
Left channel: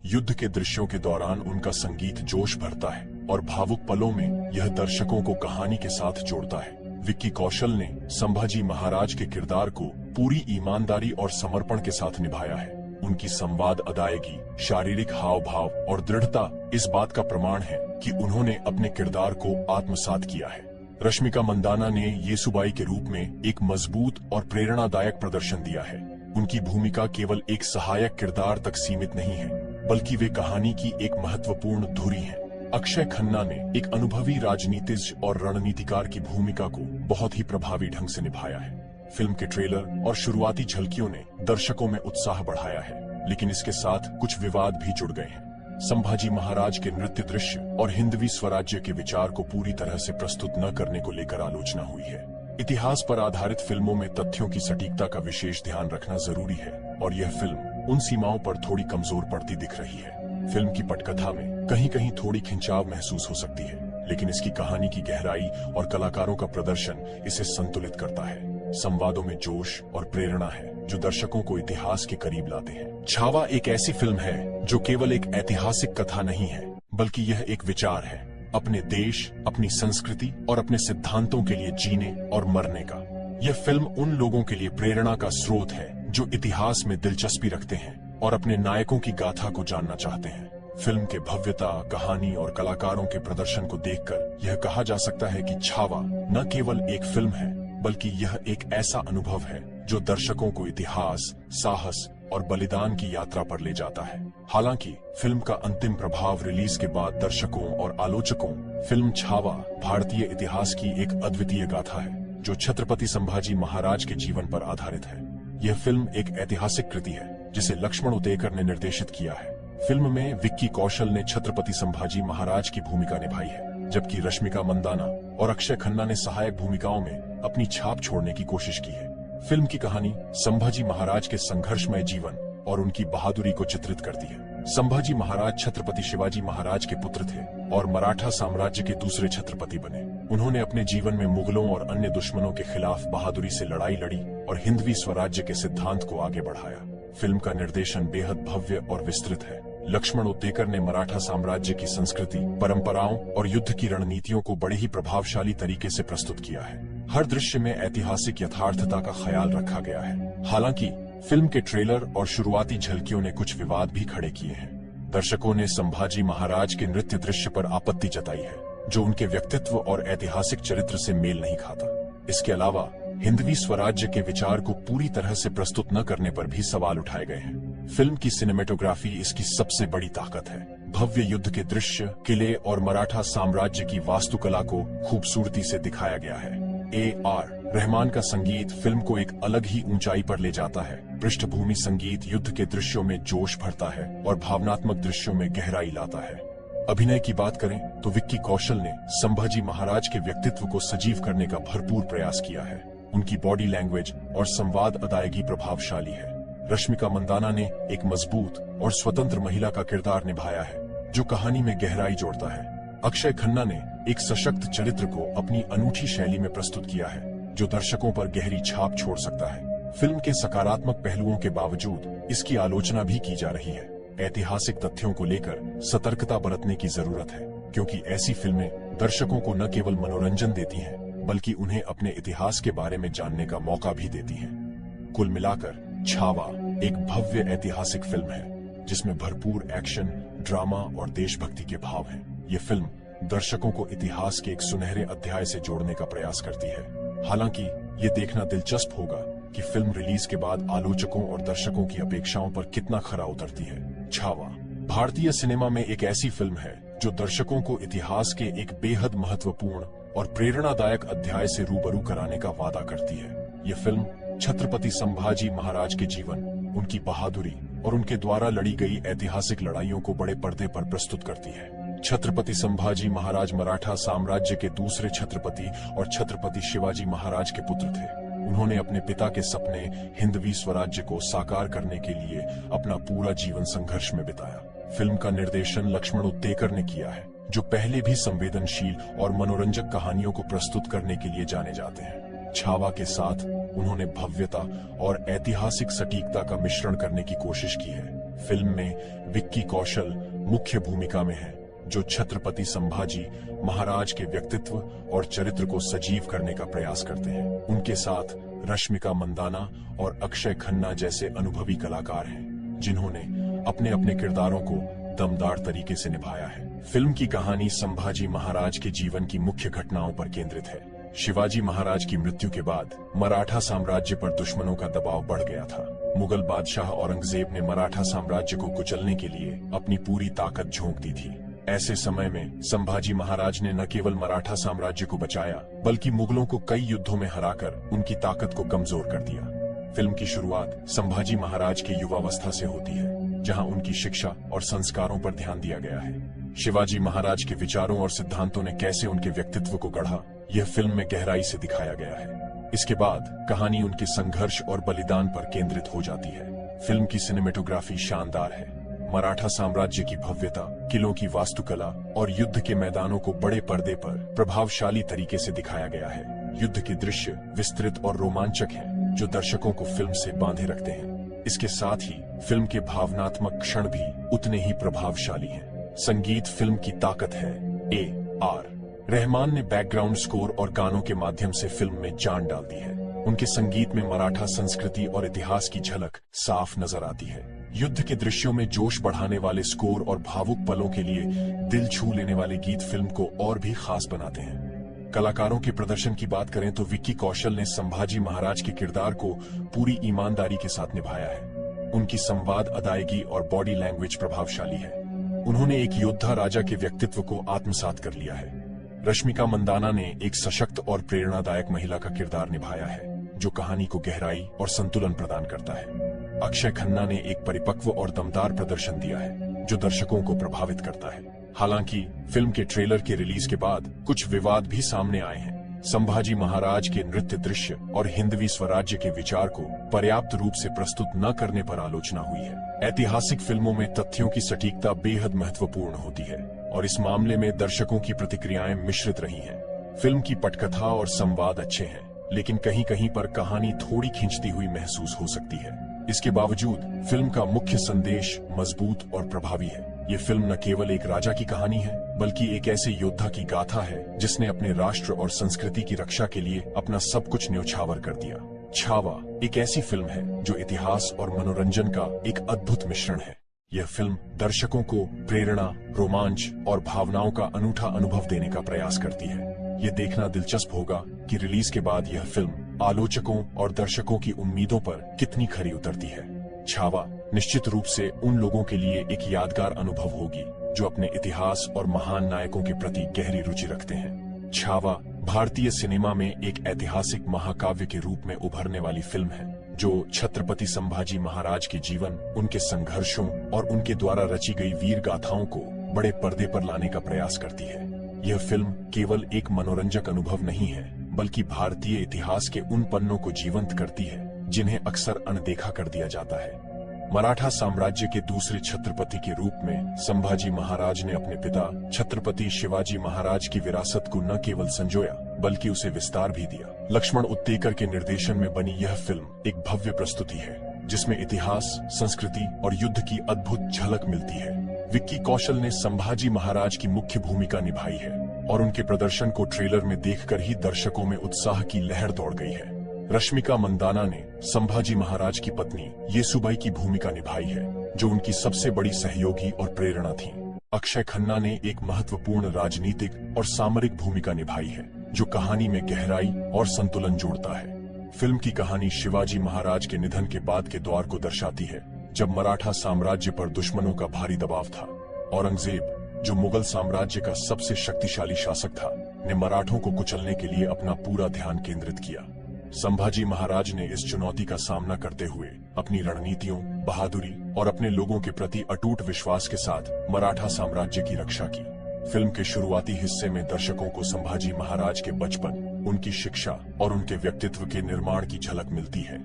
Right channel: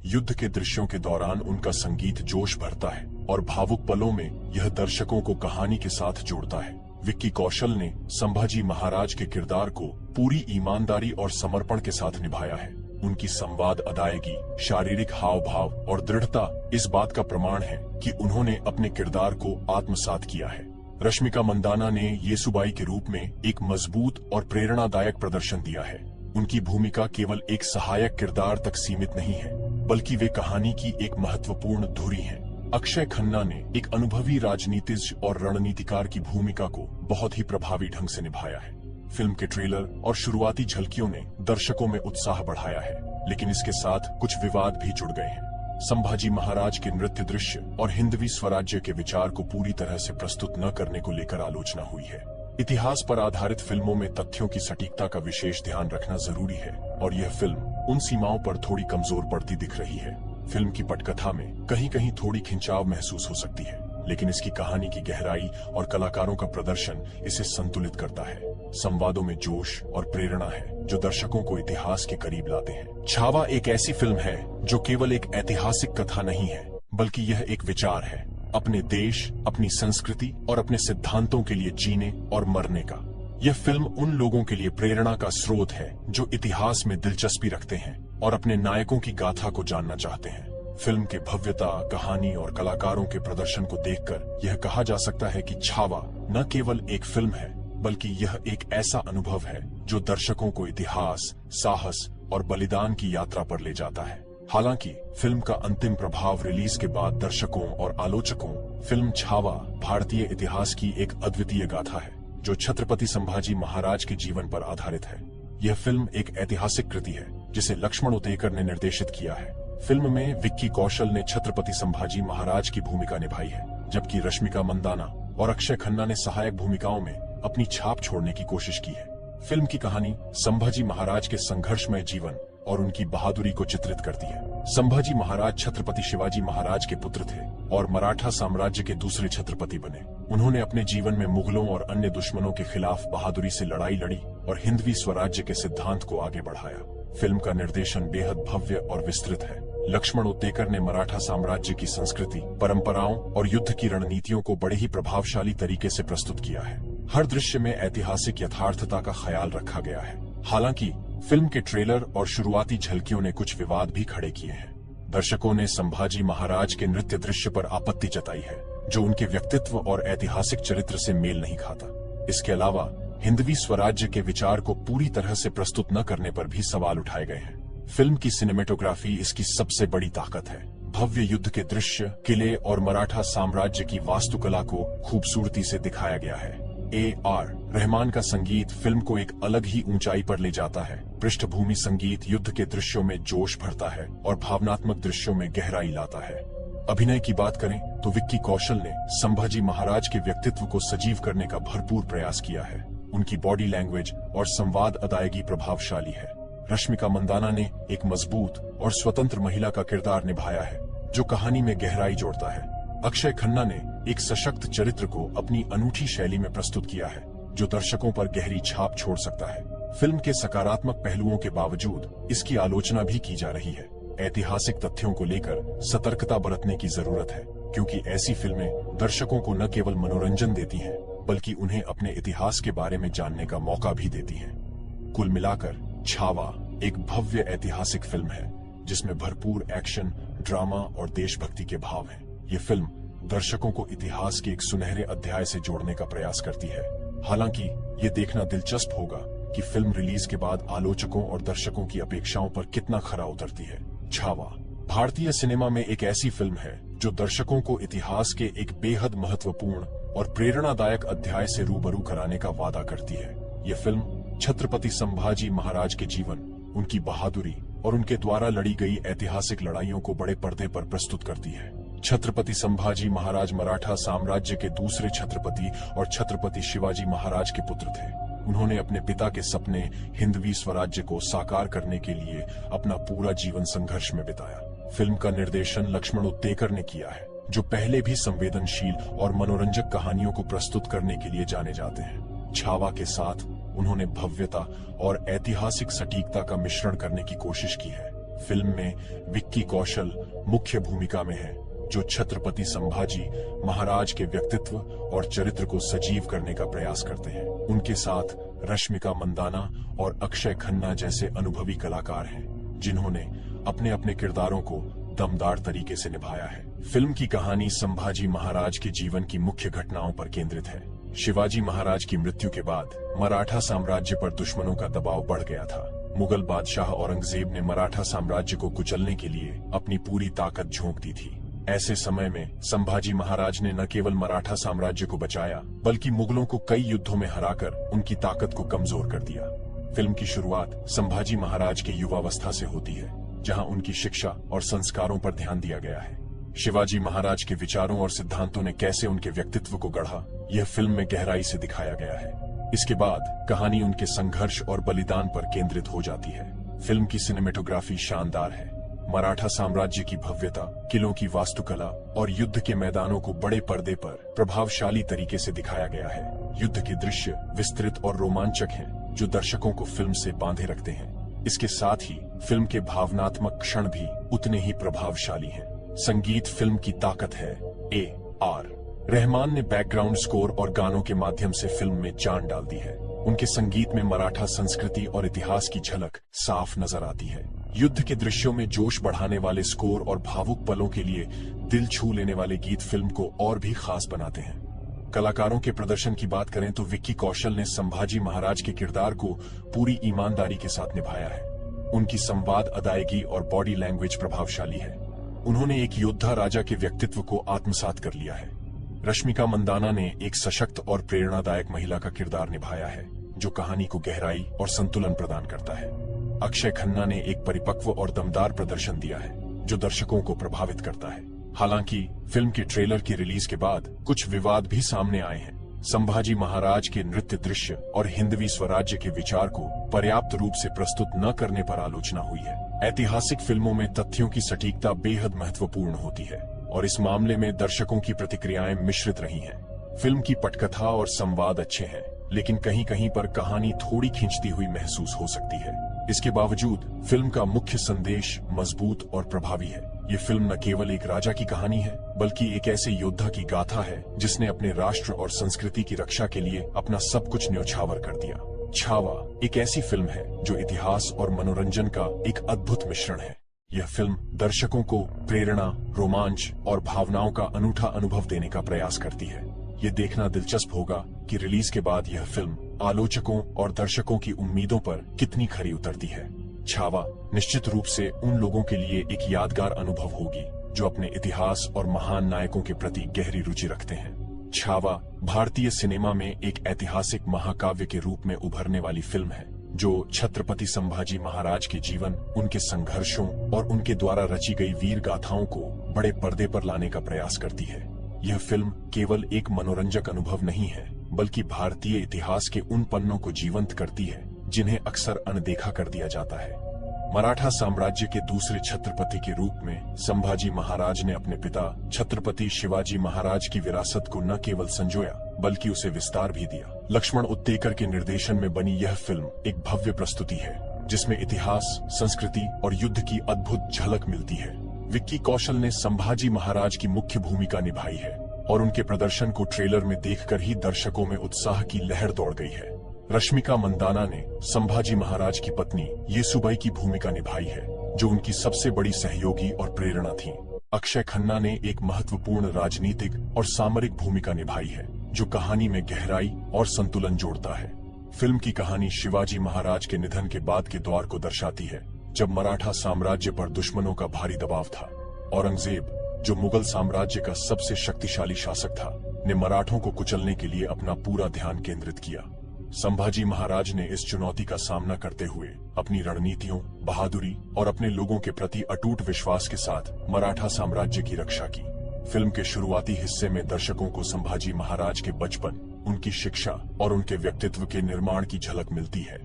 युद्ध के दृश्यों के दौरान उनका संगीत जोश भरता है और भावुक पलों में यह दर्शकों को कहानी के साथ जोड़ता है। विक्की कौशल ने संभाजी महाराज के किरदार को पूरी ईमानदारी और समर्पण के साथ निभाया है। उनकी संवाद अदायगी, शारीरिक हाव भाव और दृढ़ता इस बात का प्रमाण है कि उन्होंने अपने किरदार को आत्मसात किया है। रश्मिका मंदाना ने येसुबाई के रूप में एक मजबूत और प्रेरणादायक प्रदर्शन दिया है। उनकी भूमिका केवल एक सहायक किरदार तक सीमित नहीं है, बल्कि वे कहानी की एक महत्वपूर्ण धुरी है। अक्षय खन्ना ने एक अनुभवी राजनीतिज्ञ और रणनीतिकार की भूमिका को बहुत ही प्रभावी ढंग से निभाया है। फिल्म के ट्रेलर और शुरुआती झलकियों ने दर्शकों में उत्साह बढ़ाया है, लेकिन इसके साथ कुछ विवाद भी जुड़ गए हैं। संभाजी महाराज के नृत्य दृश्य और हिंदवी स्वराज्य के विचार को पूरी तरह से प्रस्तुत न करने को लेकर आलोचना हुई है। इतिहास पर आधारित फिल्मों में तथ्यों की सटीकता का विशेष ध्यान रखना जरूरी है और यह फिल्म उन सीमाओं पर थोड़ी कमजोर पड़ती दिख रही है। फिल्म की पटकथा में कहीं कहीं थोड़ी खिंचाव महसूस हो सकती है, लेकिन इसकी कहानी की गहराई और कलाकारों का प्रदर्शन इसे संतुलित करता है। संवादों में जोश और प्रेरणा है जो दर्शकों को इतिहास के करीब लाते हैं। छावा एक ऐसी फिल्म है जो केवल एक ऐतिहासिक कथा नहीं है, बल्कि यह एक विचार है अपने देश, अपनी संस्कृति और अपने सिद्धांतों के लिए जीने और मरने का। यह फिल्म उन लोगों के लिए प्रेरणा का स्रोत है जो इतिहास में दिलचस्पी रखते हैं और अपने नायकों की गाथा को जानना चाहते हैं। फिल्म के भव्यता, कहानी और कलाकारों के प्रदर्शन को देखकर यह कहा जा सकता है कि छावा न केवल एक फिल्म है, बल्कि यह एक ऐसा अनुभव है जो दर्शकों को इतिहास, साहस और बलिदान की यात्रा पर ले जाता है। हालांकि फिल्म का अंतिम प्रभाव रिलीज के बाद दर्शकों और आलोचकों फिल्म छावा भारतीय इतिहास की एक अद्वितीय गाथा है जो छत्रपति संभाजी महाराज के जीवन पर आधारित है। यह फिल्म एक ऐतिहासिक कृति है जिसे लक्ष्मण उतेकर ने निर्देशित किया है। फिल्म में विक्की कौशल ने छत्रपति संभाजी महाराज की भूमिका निभाई है, जबकि रश्मिका मंदाना और अक्षय खन्ना ने सहायक भूमिकाओं में अपनी छाप छोड़ने की कोशिश की है। फिल्म की कहानी संभाजी महाराज के संघर्षमय जीवन और उनकी बहादुरी को चित्रित करती है। संभाजी महाराज छत्रपति शिवाजी महाराज के पुत्र थे और मराठा साम्राज्य के दूसरे छत्रपति बने। उन्होंने अपने जीवन में मुगलों और अन्य दुश्मनों के खिलाफ बहादुरी से लड़ाई लड़ी और हिंदवी स्वराज्य के सिद्धांत को आगे बढ़ाया। फिल्म का निर्देशन बेहद भव्य और विस्तृत है। लक्ष्मण उतेकर ने मराठा साम्राज्य की संस्कृति, परंपराओं और युद्ध की रणनीतियों को बड़े ही प्रभावशाली तरीके से प्रस्तुत किया है। हर दृश्य में ऐतिहासिक यथार्थता का ख्याल रखा गया है। हालांकि फिल्म के ट्रेलर और शुरुआती झलकियों ने कुछ विवाद भी खड़े किए हैं। दर्शकों ने संभाजी महाराज के नृत्य दृश्य पर आपत्ति जताई है, जो उनके व्यक्तित्व और ऐतिहासिक चरित्र से मेल नहीं खाता। इसके अलावा हिंदवी स्वराज्य के विचार को पूरी तरह से प्रस्तुत न करने पर भी सवाल उठाए गए हैं। फिल्म की सिनेमेटोग्राफी इसकी सबसे बड़ी ताकत है। भव्य युद्ध के दृश्य, किले और मराठा साम्राज्य की वास्तुकला को खूबसूरती से दिखाया गया है। A.R. रहमान का संगीत फिल्म को एक अलग ही ऊंचाई पर ले जाता है। पृष्ठभूमि संगीत युद्ध के दृश्यों में जोश भरता है और भावनात्मक दृश्यों में गहराई लाता है। अभिनय की बात करें तो विक्की कौशल ने संभाजी महाराज के व्यक्तित्व को सजीव करने का भरपूर प्रयास किया है। उनकी बॉडी लैंग्वेज और संवाद अदायगी प्रभावशाली है। रश्मिका मंदाना ने एक मजबूत और स्वतंत्र महिला का किरदार निभाया है, जो कहानी में गहराई जोड़ता है। अक्षय खन्ना ने एक सशक्त चरित्र को अपनी अनूठी शैली में प्रस्तुत किया है, जो दर्शकों पर गहरी छाप छोड़ सकता है। फिल्म के सकारात्मक पहलुओं के बावजूद इसकी आलोचना भी की जा रही है। ऐतिहासिक तथ्यों को लेकर सतर्कता बरतने की जरूरत है, क्योंकि ऐसी फिल्में दर्शकों को न केवल मनोरंजन देती हैं, बल्कि उन्हें अपने इतिहास के बारे में जानने का मौका भी देती हैं। कुल मिलाकर छावा एक भव्य ऐतिहासिक फिल्म है, जिसमें भरपूर एक्शन, ड्रामा और देशभक्ति के भाव हैं। ये फिल्म दर्शकों को इतिहास के एक सुनहरे अध्याय से जोड़ने का प्रयास करती है। हालांकि ये देखना दिलचस्प होगा कि फिल्म रिलीज के बाद आलोचकों और दर्शकों की अपेक्षाओं पर कितना खरा उतरती है। छावा भारतीय सिनेमा में एक ऐसी फिल्म है जो दर्शकों को इतिहास के एक बेहद महत्वपूर्ण और प्रेरणादायक अध्याय से रूबरू कराने का वादा करती है। ये फिल्म छत्रपति संभाजी महाराज के जीवन, उनकी बहादुरी और उनके द्वारा लड़ी गई ऐतिहासिक लड़ाइयों को बड़े पर्दे पर प्रस्तुत करती है। छत्रपति संभाजी महाराज मराठा साम्राज्य के दूसरे छत्रपति और छत्रपति शिवाजी महाराज के पुत्र थे। उन्होंने अपने पिता के सपने हिंदवी स्वराज्य को साकार करने के लिए अपना पूरा जीवन संघर्ष में बिताया। फिल्म का निर्देशन लक्ष्मण उतेकर ने किया है, जो पहले भी संवेदनशील और मनोरंजक कहानियों को प्रस्तुत करने के लिए जाने जाते हैं। छावा के साथ उन्होंने भव्यता और ऐतिहासिक सटीकता का मिश्रण करने की कोशिश की है। फिल्म में विक्की कौशल मुख्य भूमिका में है, जो छत्रपति संभाजी महाराज के व्यक्तित्व और चरित्र को सजीव करने का प्रयास करते हैं। उनके साथ रश्मिका मंदाना और अक्षय खन्ना जैसे अनुभवी कलाकार हैं, जिन्होंने अपने अपने किरदारों को दमदार तरीके से निभाया है। फिल्म की कहानी संभाजी महाराज के जीवन की मुख्य घटनाओं पर केंद्रित है। शिवाजी महाराज की मृत्यु के बाद मराठा साम्राज्य पर दुश्मनों का दबाव बढ़ गया था। मुगल बादशाह औरंगजेब ने मराठा साम्राज्य को कुचलने के लिए अपनी पूरी ताकत झोंक दी थी। ऐसे समय में संभाजी महाराज ने न केवल मराठा साम्राज्य को बचाया, बल्कि मुगलों को कई युद्धों में हराकर उनकी ताकत को कमजोर कर दिया। फिल्म की शुरुआत संभाजी महाराज की युवावस्था से होती है, जहां उनकी शिक्षा और संस्कारों पर ध्यान दिया गया है। शिवाजी महाराज के विचारों और सिद्धांतों ने कैसे उनके व्यक्तित्व को गढ़ा, यह फिल्म में गहराई से दिखाया गया है। इसके बाद कहानी उनके संघर्ष और बलिदान पर केंद्रित हो जाती है। फिल्म की सिनेमेटोग्राफी शानदार है। मराठा साम्राज्य की भव्यता, किलों की वास्तुकला और युद्ध के मैदानों को बड़े पर्दे पर प्रभावशाली तरीके से दिखाया गया है। युद्ध के दृश्य विस्तृत और रोमांचक हैं, जो दर्शकों को फिल्म से बांधे रखते हैं। इसके साथ ही फिल्म के भावनात्मक क्षण भी उतने ही प्रभावशाली हैं। संगीत फिल्म की ताकत है। A.R. रहमान ने बैकग्राउंड स्कोर और गानों के माध्यम से फिल्म में जान डाल दी है। उनके संगीत में मराठा संस्कृति और इतिहास की झलक साफ नजर आती है। युद्ध के दृश्यों में जोश बढ़ाने वाले स्कोर और भावुक पलों के लिए दिल छू लेने वाले गीत फिल्म को और भी खास बनाते हैं। कलाकारों के प्रदर्शन की बात करें तो विक्की कौशल ने संभाजी महाराज के किरदार को पूरी ईमानदारी के साथ निभाया है। उनकी संवाद, अदायगी और बॉडी लैंग्वेज प्रभावशाली है। उन्होंने एक योद्धा राजा के व्यक्तित्व को आत्मसात कर लिया है। रश्मिका मंदाना ने एक सशक्त और प्रेरणादायक महिला का किरदार निभाया है, जो कहानी को गहराई और संतुलन प्रदान करता है। अक्षय खन्ना ने एक परिपक्व और दमदार प्रदर्शन दिया है, जो दर्शकों को प्रभावित करता है। हालांकि फिल्म के ट्रेलर के रिलीज के बाद कुछ विवाद भी सामने आए हैं। संभाजी महाराज के नृत्य दृश्य और हिंदवी स्वराज्य के विचार को पर्याप्त रूप से प्रस्तुत न करने पर आलोचना हुई है। ऐतिहासिक फिल्मों में तथ्यों की सटीकता बेहद महत्वपूर्ण होती है और इस मामले में दर्शकों की प्रतिक्रियाएं मिश्रित रही हैं। फिल्म की पटकथा और संवाद अच्छे हैं, लेकिन कहीं कहीं पर कहानी थोड़ी खींचती हुई महसूस हो सकती है। इसके बावजूद फिल्म का मुख्य संदेश मजबूत और प्रभावी है। ये फिल्म न केवल एक राजा की कहानी है, बल्कि एक ऐसे योद्धा की गाथा है जिसने अपने राष्ट्र और संस्कृति की रक्षा के लिए अपना सब कुछ न्योछावर कर दिया। छावा एक ऐसी फिल्म है जो इतिहास और मनोरंजन का एक अद्भुत मिश्रण है। यह फिल्म दर्शकों को प्रेरणा, रोमांच और भावनाओं का अनूठा अनुभव देने का प्रयास करती है। ये देखना दिलचस्प होगा कि रिलीज के बाद यह फिल्म आलोचकों और दर्शकों की उम्मीदों पर कितनी खरी उतरती है। छावा निश्चित रूप से उन लोगों के लिए एक यादगार अनुभव होगी जो अपने इतिहास और महान नायकों के प्रति गहरी रुचि रखते हैं। छावा भारतीय सिनेमा में एक ऐतिहासिक महाकाव्य के रूप में उभरने वाली फिल्म है, जो छत्रपति संभाजी महाराज के जीवन, उनके संघर्षों और उनके द्वारा रची गई वीर गाथाओं को बड़े पर्दे पर लाने का प्रयास करती है। यह फिल्म केवल एक मनोरंजक अनुभव नहीं है, बल्कि भारतीय इतिहास के उन पन्नों को जीवंत करती है जिन्हें अक्सर अनदेखा कर दिया जाता है। मराठा साम्राज्य के दूसरे छत्रपति के रूप में संभाजी महाराज ने अपने पिता छत्रपति शिवाजी महाराज की विरासत को न केवल संजोया, बल्कि उसे विस्तार भी दिया। लक्ष्मण उत्तेकर के निर्देशन में बनी यह फिल्म एक भव्य प्रस्तुति है, जिसमें इतिहास, संस्कृति और युद्ध की अद्भुत झलक मिलती है। विक्की कौशल ने संभाजी महाराज की मुख्य भूमिका निभाई है और उनके प्रदर्शन को ट्रेलर में देखकर ही दर्शकों में उत्साह की लहर दौड़ गई है। रश्मिका मंदाना ने संभाजी महाराज की पत्नी येसुबाई की भूमिका निभाई है, जो उनकी सबसे बड़ी सहयोगी और प्रेरणा थी। अक्षय खन्ना ने एक महत्वपूर्ण राजनीतिक और सामरिक भूमिका निभाई है, जो कहानी में गहराई और संतुलन जोड़ता है। फिल्म की कहानी शिवाजी महाराज के निधन के बाद के दौर को दर्शाती है, जब मराठा साम्राज्य पर दुश्मनों का भारी दबाव था। औरंगजेब, जो मुगल साम्राज्य का सबसे शक्तिशाली शासक था, ने मराठों को कुचलने के लिए अपना पूरा ध्यान केंद्रित किया। संभाजी महाराज ने इस चुनौती का सामना करते हुए अपनी रणनीतियों, बहादुरी और अपने लोगों के प्रति अटूट विश्वास के साथ मराठा साम्राज्य की रक्षा की। फिल्म के शुरुआती हिस्से में दर्शकों को संभाजी महाराज के बचपन, उनकी शिक्षा और उनके व्यक्तित्व के निर्माण की झलक मिलती है।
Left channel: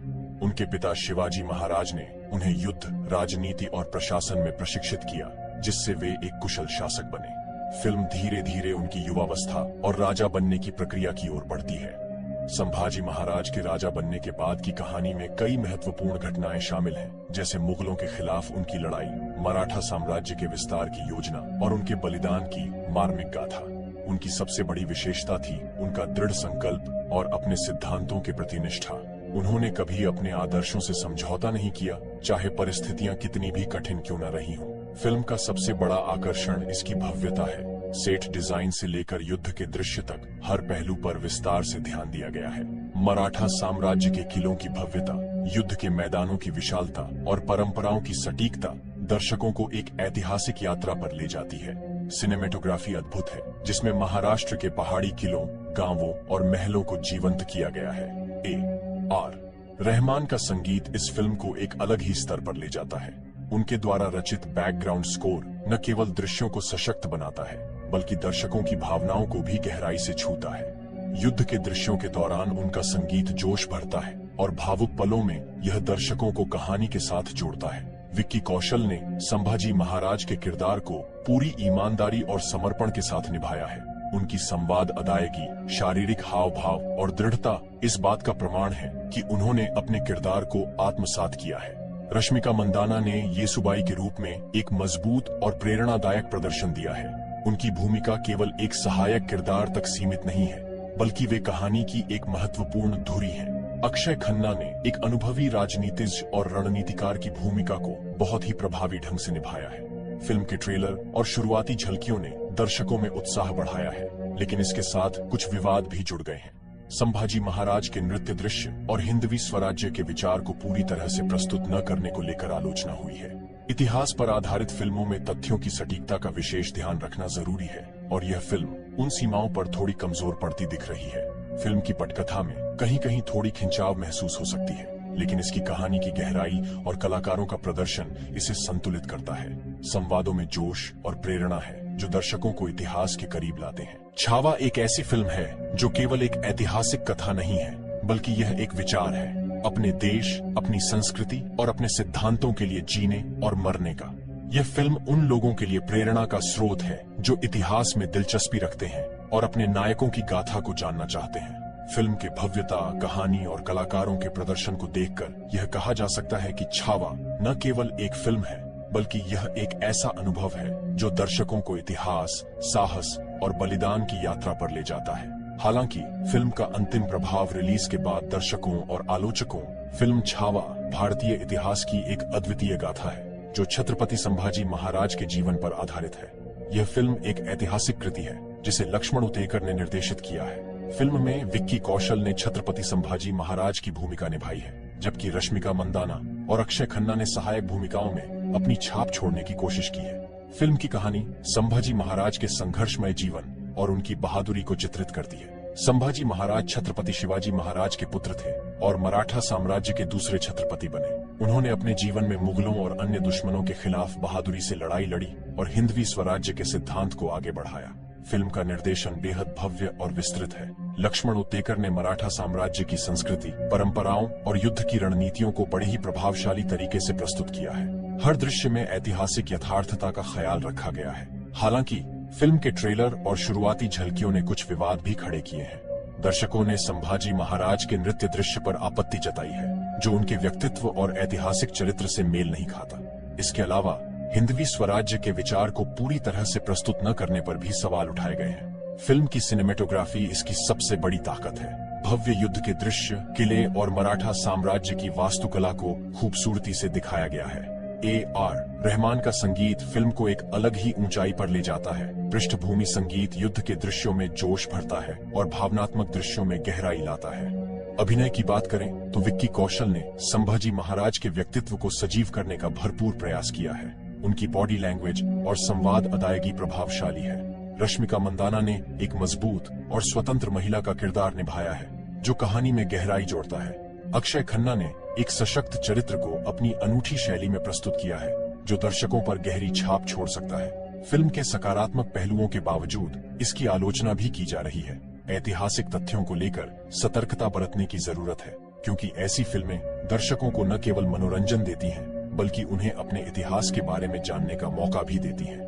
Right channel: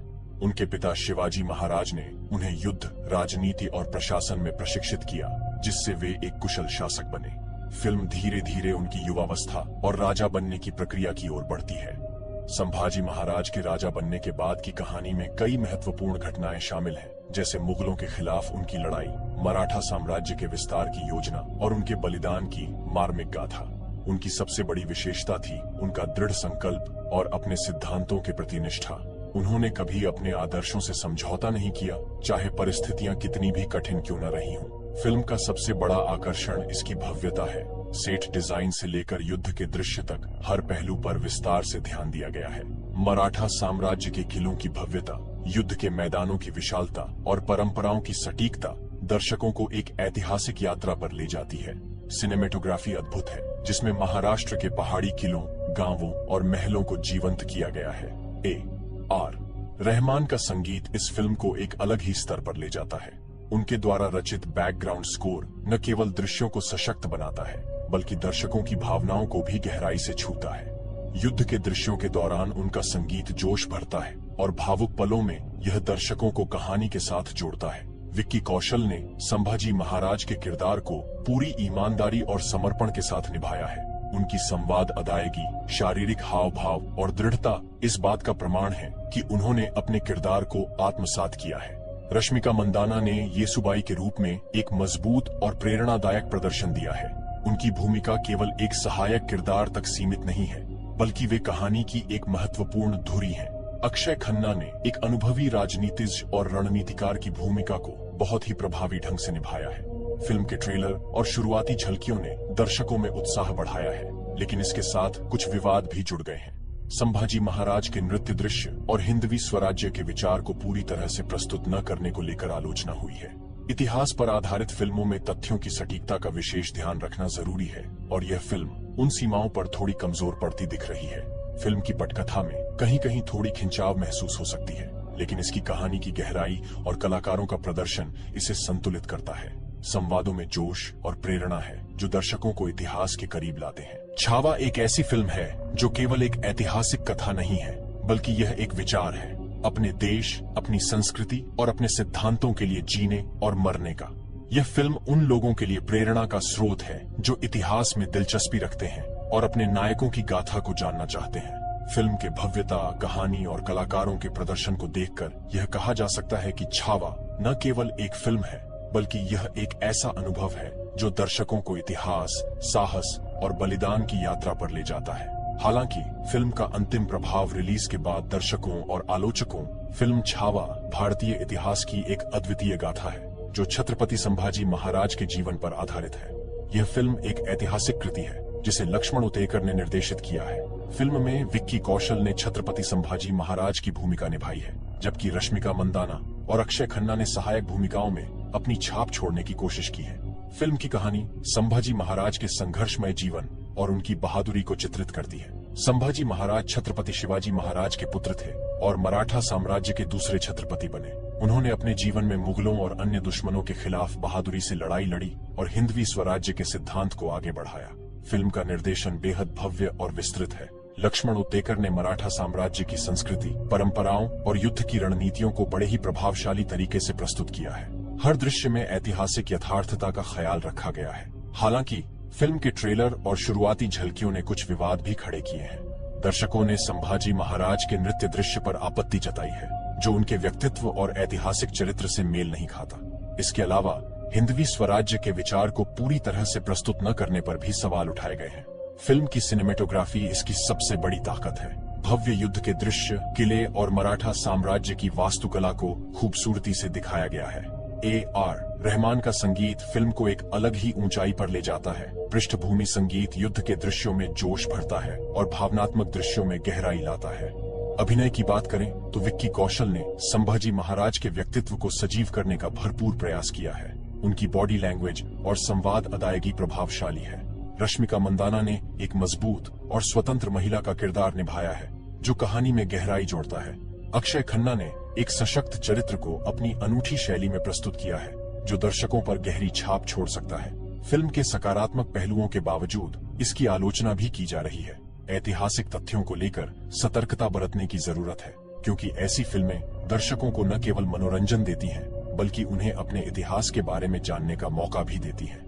उनके पिता शिवाजी महाराज ने उन्हें युद्ध, राजनीति और प्रशासन में प्रशिक्षित किया, जिससे वे एक कुशल शासक बने। फिल्म धीरे धीरे उनकी युवावस्था और राजा बनने की प्रक्रिया की ओर बढ़ती है। संभाजी महाराज के राजा बनने के बाद की कहानी में कई महत्वपूर्ण घटनाएं शामिल हैं, जैसे मुगलों के खिलाफ उनकी लड़ाई, मराठा साम्राज्य के विस्तार की योजना और उनके बलिदान की मार्मिक गाथा। उनकी सबसे बड़ी विशेषता थी उनका दृढ़ संकल्प और अपने सिद्धांतों के प्रति निष्ठा। उन्होंने कभी अपने आदर्शों से समझौता नहीं किया, चाहे परिस्थितियां कितनी भी कठिन क्यों न रही हों। फिल्म का सबसे बड़ा आकर्षण इसकी भव्यता है। सेट डिजाइन से लेकर युद्ध के दृश्य तक हर पहलू पर विस्तार से ध्यान दिया गया है। मराठा साम्राज्य के किलों की भव्यता, युद्ध के मैदानों की विशालता और परंपराओं की सटीकता दर्शकों को एक ऐतिहासिक यात्रा पर ले जाती है। सिनेमेटोग्राफी अद्भुत है, जिसमें महाराष्ट्र के पहाड़ी किलों, गांवों और महलों को जीवंत किया गया है। A.R. रहमान का संगीत इस फिल्म को एक अलग ही स्तर पर ले जाता है। उनके द्वारा रचित बैकग्राउंड स्कोर न केवल दृश्यों को सशक्त बनाता है, बल्कि दर्शकों की भावनाओं को भी गहराई से छूता है। युद्ध के दृश्यों के दौरान उनका संगीत जोश भरता है और भावुक पलों में यह दर्शकों को कहानी के साथ जोड़ता है। विक्की कौशल ने संभाजी महाराज के किरदार को पूरी ईमानदारी और समर्पण के साथ निभाया है। उनकी संवाद अदायगी, शारीरिक हाव भाव और दृढ़ता इस बात का प्रमाण है कि उन्होंने अपने किरदार को आत्मसात किया है। रश्मिका मंदाना ने येसुबाई के रूप में एक मजबूत और प्रेरणादायक प्रदर्शन दिया है। उनकी भूमिका केवल एक सहायक किरदार तक सीमित नहीं है, बल्कि वे कहानी की एक महत्वपूर्ण धुरी हैं। अक्षय खन्ना ने एक अनुभवी राजनीतिज्ञ और रणनीतिकार की भूमिका को बहुत ही प्रभावी ढंग से निभाया है। फिल्म के ट्रेलर और शुरुआती झलकियों ने दर्शकों में उत्साह बढ़ाया है, लेकिन इसके साथ कुछ विवाद भी जुड़ गए हैं। संभाजी महाराज के नृत्य दृश्य और हिंदवी स्वराज्य के विचार को पूरी तरह से प्रस्तुत न करने को लेकर आलोचना हुई है। इतिहास पर आधारित फिल्मों में तथ्यों की सटीकता का विशेष ध्यान रखना जरूरी है, और यह फिल्म उन सीमाओं पर थोड़ी कमजोर पड़ती दिख रही है। फिल्म की पटकथा में कहीं कहीं थोड़ी खिंचाव महसूस हो सकती है, लेकिन इसकी कहानी की गहराई और कलाकारों का प्रदर्शन इसे संतुलित करता है। संवादों में जोश और प्रेरणा है जो दर्शकों को इतिहास के करीब लाते हैं। छावा एक ऐसी फिल्म है जो केवल एक ऐतिहासिक कथा नहीं है, बल्कि यह एक विचार है अपने देश, अपनी संस्कृति और अपने सिद्धांतों के लिए जीने और मरने का। यह फिल्म उन लोगों के लिए प्रेरणा का स्रोत है जो इतिहास में दिलचस्पी रखते हैं और अपने नायकों की गाथा को जानना चाहते हैं। फिल्म की भव्यता, कहानी और कलाकारों के प्रदर्शन को देखकर यह कहा जा सकता है कि छावा न केवल एक फिल्म है, बल्कि यह एक ऐसा अनुभव है जो दर्शकों को इतिहास, साहस और बलिदान की यात्रा पर ले जाता है। हालांकि फिल्म का अंतिम प्रभाव रिलीज के बाद दर्शकों और आलोचकों फिल्म छावा भारतीय इतिहास की एक अद्वितीय गाथा है जो छत्रपति संभाजी महाराज के जीवन पर आधारित है। यह फिल्म एक ऐतिहासिक कृति है जिसे लक्ष्मण उतेकर ने निर्देशित किया है। फिल्म में विक्की कौशल ने छत्रपति संभाजी महाराज की भूमिका निभाई है, जबकि रश्मिका मंदाना और अक्षय खन्ना ने सहायक भूमिकाओं में अपनी छाप छोड़ने की कोशिश की है। फिल्म की कहानी संभाजी महाराज के संघर्षमय जीवन और उनकी बहादुरी को चित्रित करती है। संभाजी महाराज छत्रपति शिवाजी महाराज के पुत्र थे और मराठा साम्राज्य के दूसरे छत्रपति बने। उन्होंने अपने जीवन में मुगलों और अन्य दुश्मनों के खिलाफ बहादुरी से लड़ाई लड़ी और हिंदवी स्वराज्य के सिद्धांत को आगे बढ़ाया। फिल्म का निर्देशन बेहद भव्य और विस्तृत है। लक्ष्मण उतेकर ने मराठा साम्राज्य की संस्कृति, परंपराओं और युद्ध की रणनीतियों को बड़े ही प्रभावशाली तरीके से प्रस्तुत किया है। हर दृश्य में ऐतिहासिक यथार्थता का ख्याल रखा गया है। हालांकि फिल्म के ट्रेलर और शुरुआती झलकियों ने कुछ विवाद भी खड़े किए हैं। दर्शकों ने संभाजी महाराज के नृत्य दृश्य पर आपत्ति जताई है, जो उनके व्यक्तित्व और ऐतिहासिक चरित्र से मेल नहीं खाता। इसके अलावा हिंदवी स्वराज्य के विचार को पूरी तरह से प्रस्तुत न करने पर भी सवाल उठाए गए हैं। फिल्म की सिनेमेटोग्राफी इसकी सबसे बड़ी ताकत है। भव्य युद्ध के दृश्य, किले और मराठा साम्राज्य की वास्तुकला को खूबसूरती से दिखाया गया है। A.R. रहमान का संगीत फिल्म को एक अलग ही ऊंचाई पर ले जाता है। पृष्ठभूमि संगीत युद्ध के दृश्यों में जोश भरता है और भावनात्मक दृश्यों में गहराई लाता है। अभिनय की बात करें तो विक्की कौशल ने संभाजी महाराज के व्यक्तित्व को सजीव करने का भरपूर प्रयास किया है। उनकी बॉडी लैंग्वेज और संवाद अदायगी प्रभावशाली है। रश्मिका मंदाना ने एक मजबूत और स्वतंत्र महिला का किरदार निभाया है जो कहानी में गहराई जोड़ता है। अक्षय खन्ना ने एक सशक्त चरित्र को अपनी अनूठी शैली में प्रस्तुत किया है जो दर्शकों पर गहरी छाप छोड़ सकता है। फिल्म के सकारात्मक पहलुओं के बावजूद इसकी आलोचना भी की जा रही है। ऐतिहासिक तथ्यों को लेकर सतर्कता बरतने की जरूरत है, क्योंकि ऐसी फिल्में दर्शकों को न केवल मनोरंजन देती हैं, बल्कि उन्हें अपने इतिहास के बारे में जानने का मौका भी देती है।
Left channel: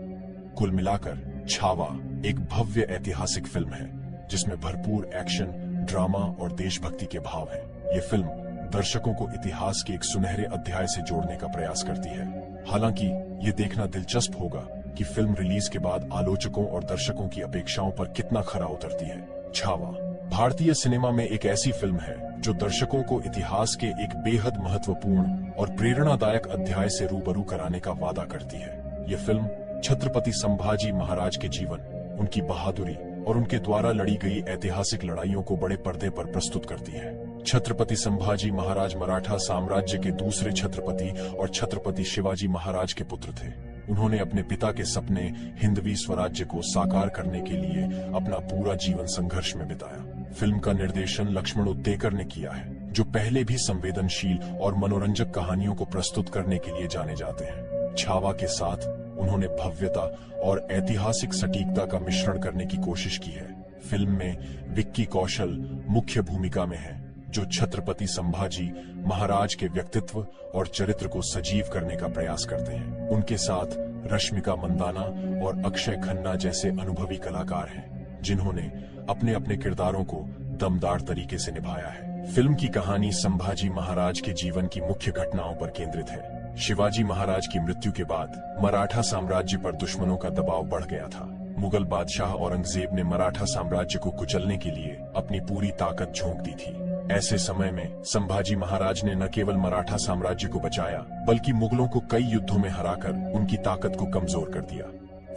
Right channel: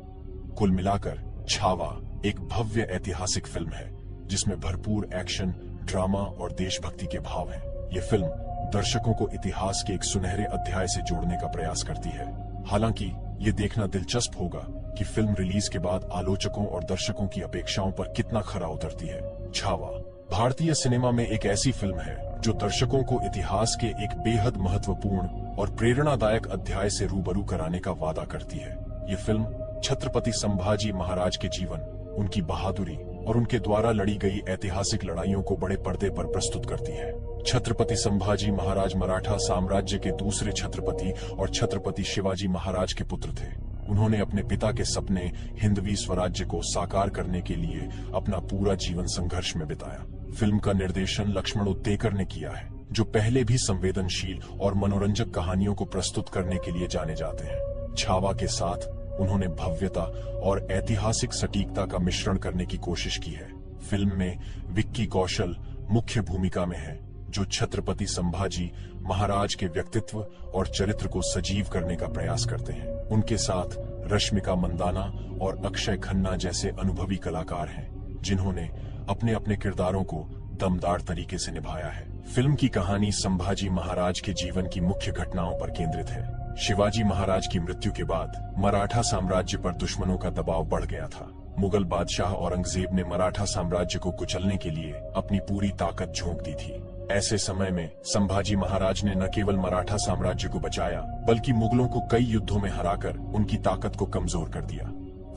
कुल मिलाकर छावा एक भव्य ऐतिहासिक फिल्म है जिसमें भरपूर एक्शन, ड्रामा और देशभक्ति के भाव हैं। ये फिल्म दर्शकों को इतिहास के एक सुनहरे अध्याय से जोड़ने का प्रयास करती है। हालांकि ये देखना दिलचस्प होगा कि फिल्म रिलीज के बाद आलोचकों और दर्शकों की अपेक्षाओं पर कितना खरा उतरती है। छावा भारतीय सिनेमा में एक ऐसी फिल्म है जो दर्शकों को इतिहास के एक बेहद महत्वपूर्ण और प्रेरणादायक अध्याय से रूबरू कराने का वादा करती है। ये फिल्म छत्रपति संभाजी महाराज के जीवन, उनकी बहादुरी और उनके द्वारा लड़ी गई ऐतिहासिक लड़ाइयों को बड़े पर्दे पर प्रस्तुत करती है। छत्रपति संभाजी महाराज मराठा साम्राज्य के दूसरे छत्रपति और छत्रपति शिवाजी महाराज के पुत्र थे। उन्होंने अपने पिता के सपने हिंदवी स्वराज्य को साकार करने के लिए अपना पूरा जीवन संघर्ष में बिताया। फिल्म का निर्देशन लक्ष्मण उतेकर ने किया है, जो पहले भी संवेदनशील और मनोरंजक कहानियों को प्रस्तुत करने के लिए जाने जाते हैं। छावा के साथ उन्होंने भव्यता और ऐतिहासिक सटीकता का मिश्रण करने की कोशिश की है। फिल्म में विक्की कौशल मुख्य भूमिका में है, जो छत्रपति संभाजी महाराज के व्यक्तित्व और चरित्र को सजीव करने का प्रयास करते हैं। उनके साथ रश्मिका मंदाना और अक्षय खन्ना जैसे अनुभवी कलाकार हैं, जिन्होंने अपने अपने किरदारों को दमदार तरीके से निभाया है। फिल्म की कहानी संभाजी महाराज के जीवन की मुख्य घटनाओं पर केंद्रित है। शिवाजी महाराज की मृत्यु के बाद मराठा साम्राज्य पर दुश्मनों का दबाव बढ़ गया था। मुगल बादशाह औरंगजेब ने मराठा साम्राज्य को कुचलने के लिए अपनी पूरी ताकत झोंक दी थी। ऐसे समय में संभाजी महाराज ने न केवल मराठा साम्राज्य को बचाया, बल्कि मुगलों को कई युद्धों में हराकर उनकी ताकत को कमजोर कर दिया।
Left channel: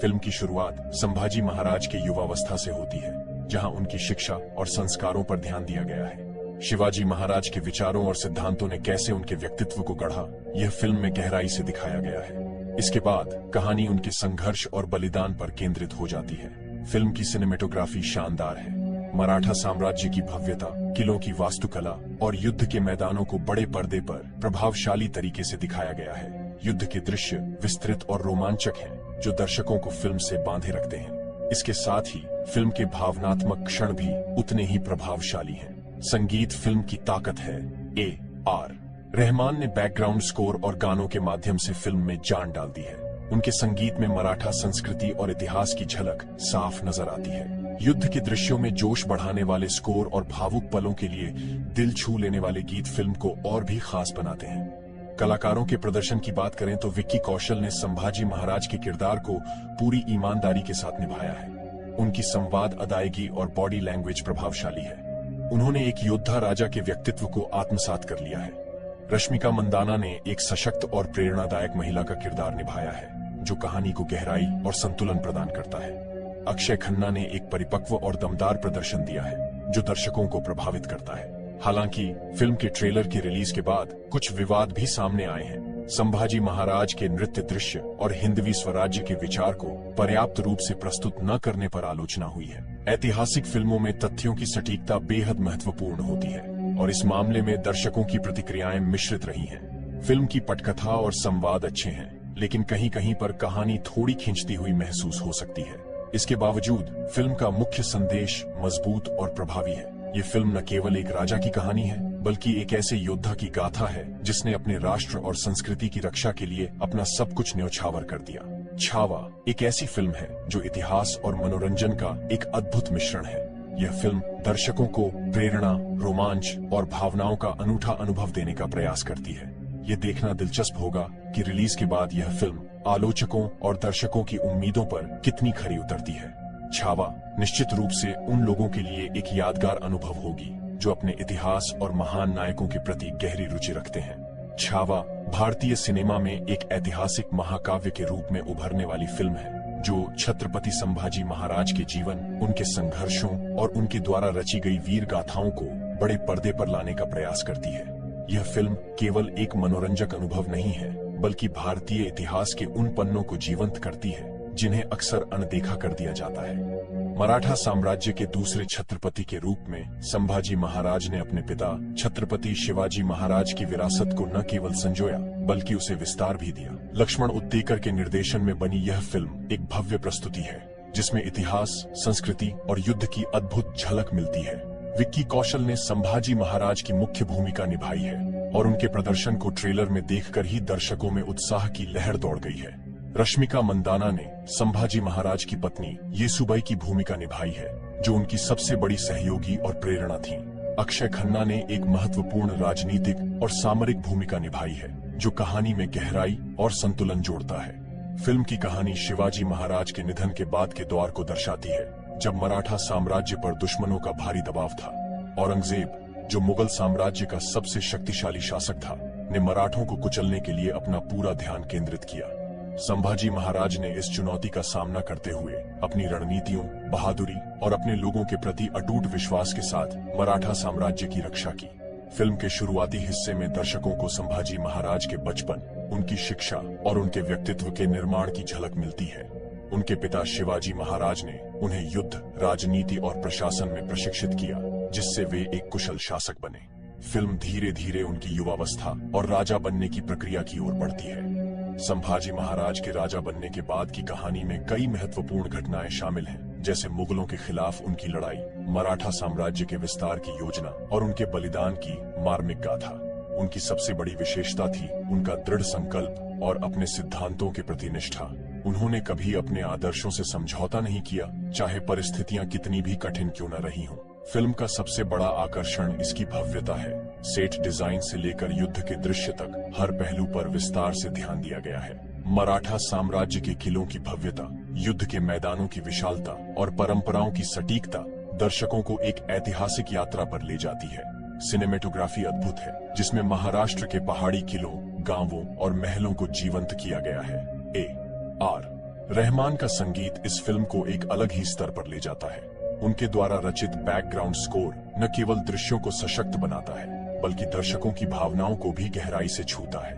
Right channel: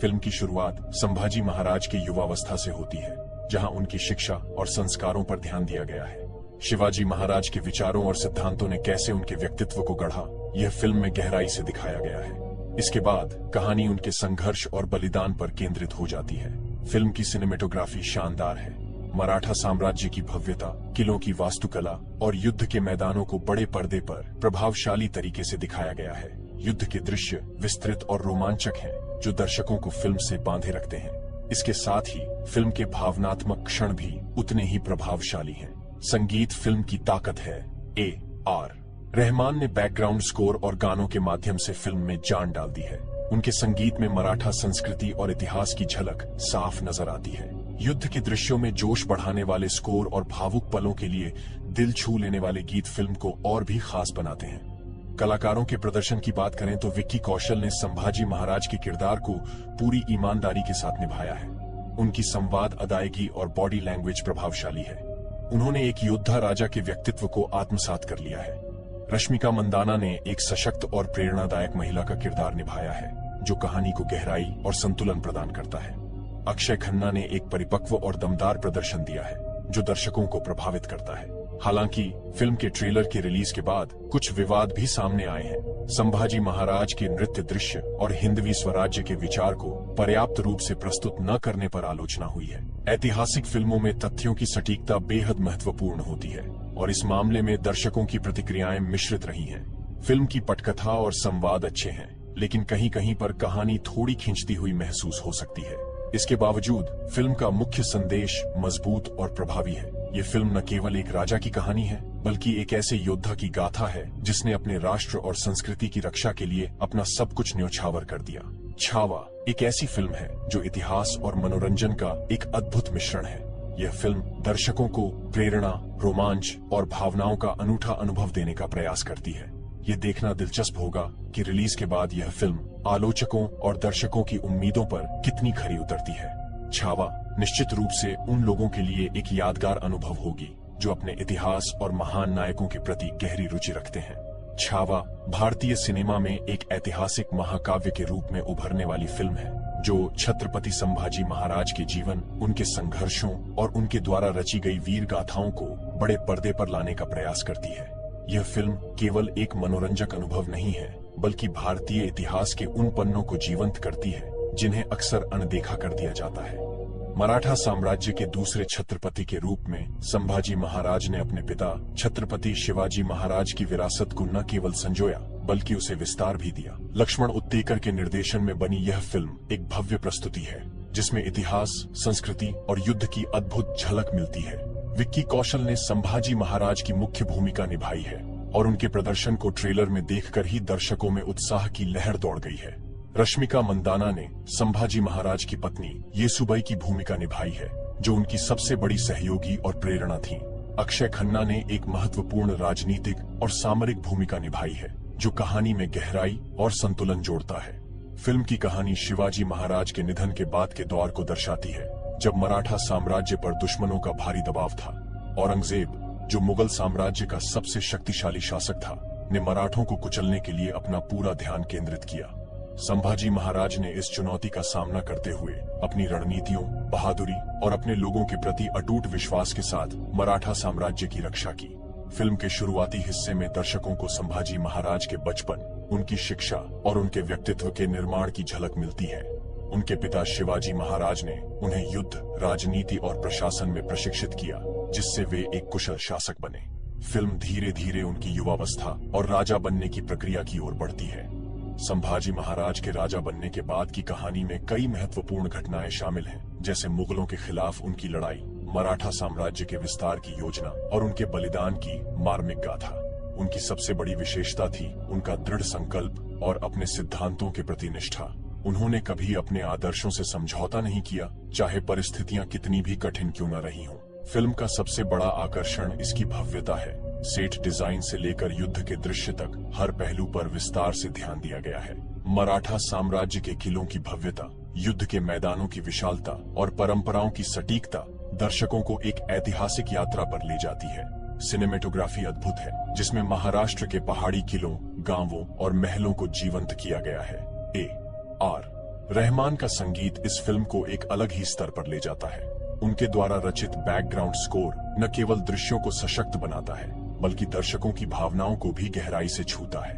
फिल्म की शुरुआत संभाजी महाराज की युवावस्था से होती है, जहां उनकी शिक्षा और संस्कारों पर ध्यान दिया गया है। शिवाजी महाराज के विचारों और सिद्धांतों ने कैसे उनके व्यक्तित्व को गढ़ा, यह फिल्म में गहराई से दिखाया गया है। इसके बाद कहानी उनके संघर्ष और बलिदान पर केंद्रित हो जाती है। फिल्म की सिनेमेटोग्राफी शानदार है। मराठा साम्राज्य की भव्यता, किलों की वास्तुकला और युद्ध के मैदानों को बड़े पर्दे पर प्रभावशाली तरीके से दिखाया गया है। युद्ध के दृश्य विस्तृत और रोमांचक हैं, जो दर्शकों को फिल्म से बांधे रखते हैं। इसके साथ ही फिल्म के भावनात्मक क्षण भी उतने ही प्रभावशाली हैं। संगीत फिल्म की ताकत है। A.R. रहमान ने बैकग्राउंड स्कोर और गानों के माध्यम से फिल्म में जान डाल दी है। उनके संगीत में मराठा संस्कृति और इतिहास की झलक साफ नजर आती है। युद्ध के दृश्यों में जोश बढ़ाने वाले स्कोर और भावुक पलों के लिए दिल छू लेने वाले गीत फिल्म को और भी खास बनाते हैं। कलाकारों के प्रदर्शन की बात करें तो विक्की कौशल ने संभाजी महाराज के किरदार को पूरी ईमानदारी के साथ निभाया है। उनकी संवाद, अदायगी और बॉडी लैंग्वेज प्रभावशाली है। उन्होंने एक योद्धा राजा के व्यक्तित्व को आत्मसात कर लिया है। रश्मिका मंदाना ने एक सशक्त और प्रेरणादायक महिला का किरदार निभाया है, जो कहानी को गहराई और संतुलन प्रदान करता है। अक्षय खन्ना ने एक परिपक्व और दमदार प्रदर्शन दिया है, जो दर्शकों को प्रभावित करता है। हालांकि फिल्म के ट्रेलर की रिलीज के बाद कुछ विवाद भी सामने आए हैं। संभाजी महाराज के नृत्य दृश्य और हिंदवी स्वराज्य के विचार को पर्याप्त रूप से प्रस्तुत न करने पर आलोचना हुई है। ऐतिहासिक फिल्मों में तथ्यों की सटीकता बेहद महत्वपूर्ण होती है, और इस मामले में दर्शकों की प्रतिक्रियाएं मिश्रित रही हैं। फिल्म की पटकथा और संवाद अच्छे हैं, लेकिन कहीं कहीं पर कहानी थोड़ी खिंचती हुई महसूस हो सकती है। इसके बावजूद फिल्म का मुख्य संदेश मजबूत और प्रभावी है। ये फिल्म न केवल एक राजा की कहानी है, बल्कि एक ऐसे योद्धा की गाथा है जिसने अपने राष्ट्र और संस्कृति की रक्षा के लिए अपना सब कुछ न्योछावर कर दिया। छावा एक ऐसी फिल्म है जो इतिहास और मनोरंजन का एक अद्भुत मिश्रण है। यह फिल्म दर्शकों को प्रेरणा, रोमांच और भावनाओं का अनूठा अनुभव देने का प्रयास करती है। ये देखना दिलचस्प होगा कि रिलीज के बाद यह फिल्म आलोचकों और दर्शकों की उम्मीदों पर कितनी खरी उतरती है। छावा निश्चित रूप से उन लोगों के लिए एक यादगार अनुभव होगी जो अपने इतिहास और महान नायकों के प्रति गहरी रुचि रखते हैं। छावा भारतीय सिनेमा में एक ऐतिहासिक महाकाव्य के रूप में उभरने वाली फिल्म है, जो छत्रपति संभाजी महाराज के जीवन, उनके संघर्षों और उनके द्वारा रची गई वीर गाथाओं को बड़े पर्दे पर लाने का प्रयास करती है। यह फिल्म केवल एक मनोरंजक अनुभव नहीं है, बल्कि भारतीय इतिहास के उन पन्नों को जीवंत करती है जिन्हें अक्सर अनदेखा कर दिया जाता है। मराठा साम्राज्य के दूसरे छत्रपति के रूप में संभाजी महाराज ने अपने पिता छत्रपति शिवाजी महाराज की विरासत को न केवल संजोया, बल्कि उसे विस्तार भी दिया। लक्ष्मण उत्तेकर के निर्देशन में बनी यह फिल्म एक भव्य प्रस्तुति है, जिसमें इतिहास, संस्कृति और युद्ध की अद्भुत झलक मिलती है। विक्की कौशल ने संभाजी महाराज की मुख्य भूमिका निभाई है, और उनके प्रदर्शन को ट्रेलर में देखकर ही दर्शकों में उत्साह की लहर दौड़ गई है। रश्मिका मंदाना ने संभाजी महाराज की पत्नी येसुबाई की भूमिका निभाई है, जो उनकी सबसे बड़ी सहयोगी और प्रेरणा थी। अक्षय खन्ना ने एक महत्वपूर्ण राजनीतिक और सामरिक भूमिका निभाई है, जो कहानी में गहराई और संतुलन जोड़ता है। फिल्म की कहानी शिवाजी महाराज के निधन के बाद के दौर को दर्शाती है, जब मराठा साम्राज्य पर दुश्मनों का भारी दबाव था। औरंगजेब, जो मुगल साम्राज्य का सबसे शक्तिशाली शासक था, ने मराठों को कुचलने के लिए अपना पूरा ध्यान केंद्रित किया। संभाजी महाराज ने इस चुनौती का सामना करते हुए अपनी रणनीतियों, बहादुरी और अपने लोगों के प्रति अटूट विश्वास के साथ मराठा साम्राज्य की रक्षा की। फिल्म के शुरुआती हिस्से में दर्शकों को संभाजी महाराज के बचपन, उनकी शिक्षा और उनके व्यक्तित्व के निर्माण की झलक मिलती है। उनके पिता शिवाजी महाराज ने उन्हें युद्ध, राजनीति और प्रशासन में प्रशिक्षित किया, जिससे वे एक कुशल शासक बने। फिल्म धीरे धीरे उनकी युवावस्था और राजा बनने की प्रक्रिया की ओर बढ़ती है। संभाजी महाराज के राजा बनने के बाद की कहानी में कई महत्वपूर्ण घटनाएं शामिल हैं, जैसे मुगलों के खिलाफ उनकी लड़ाई, मराठा साम्राज्य के विस्तार की योजना और उनके बलिदान की मार्मिक गाथा। उनकी सबसे बड़ी विशेषता थी उनका दृढ़ संकल्प और अपने सिद्धांतों के प्रति निष्ठा। उन्होंने कभी अपने आदर्शों से समझौता नहीं किया, चाहे परिस्थितियां कितनी भी कठिन क्यों न रही हों। फिल्म का सबसे बड़ा आकर्षण इसकी भव्यता है। सेट डिजाइन से लेकर युद्ध के दृश्य तक हर पहलू पर विस्तार से ध्यान दिया गया है। मराठा साम्राज्य के किलों की भव्यता, युद्ध के मैदानों की विशालता और परंपराओं की सटीकता दर्शकों को एक ऐतिहासिक यात्रा पर ले जाती है। सिनेमेटोग्राफी अद्भुत है, जिसमें महाराष्ट्र के पहाड़ी किलों, गांवों और महलों को जीवंत किया गया है। A.R. रहमान का संगीत इस फिल्म को एक अलग ही स्तर पर ले जाता है। उनके द्वारा रचित बैकग्राउंड स्कोर न केवल दृश्यों को सशक्त बनाता है, बल्कि दर्शकों की भावनाओं को भी गहराई से छूता है।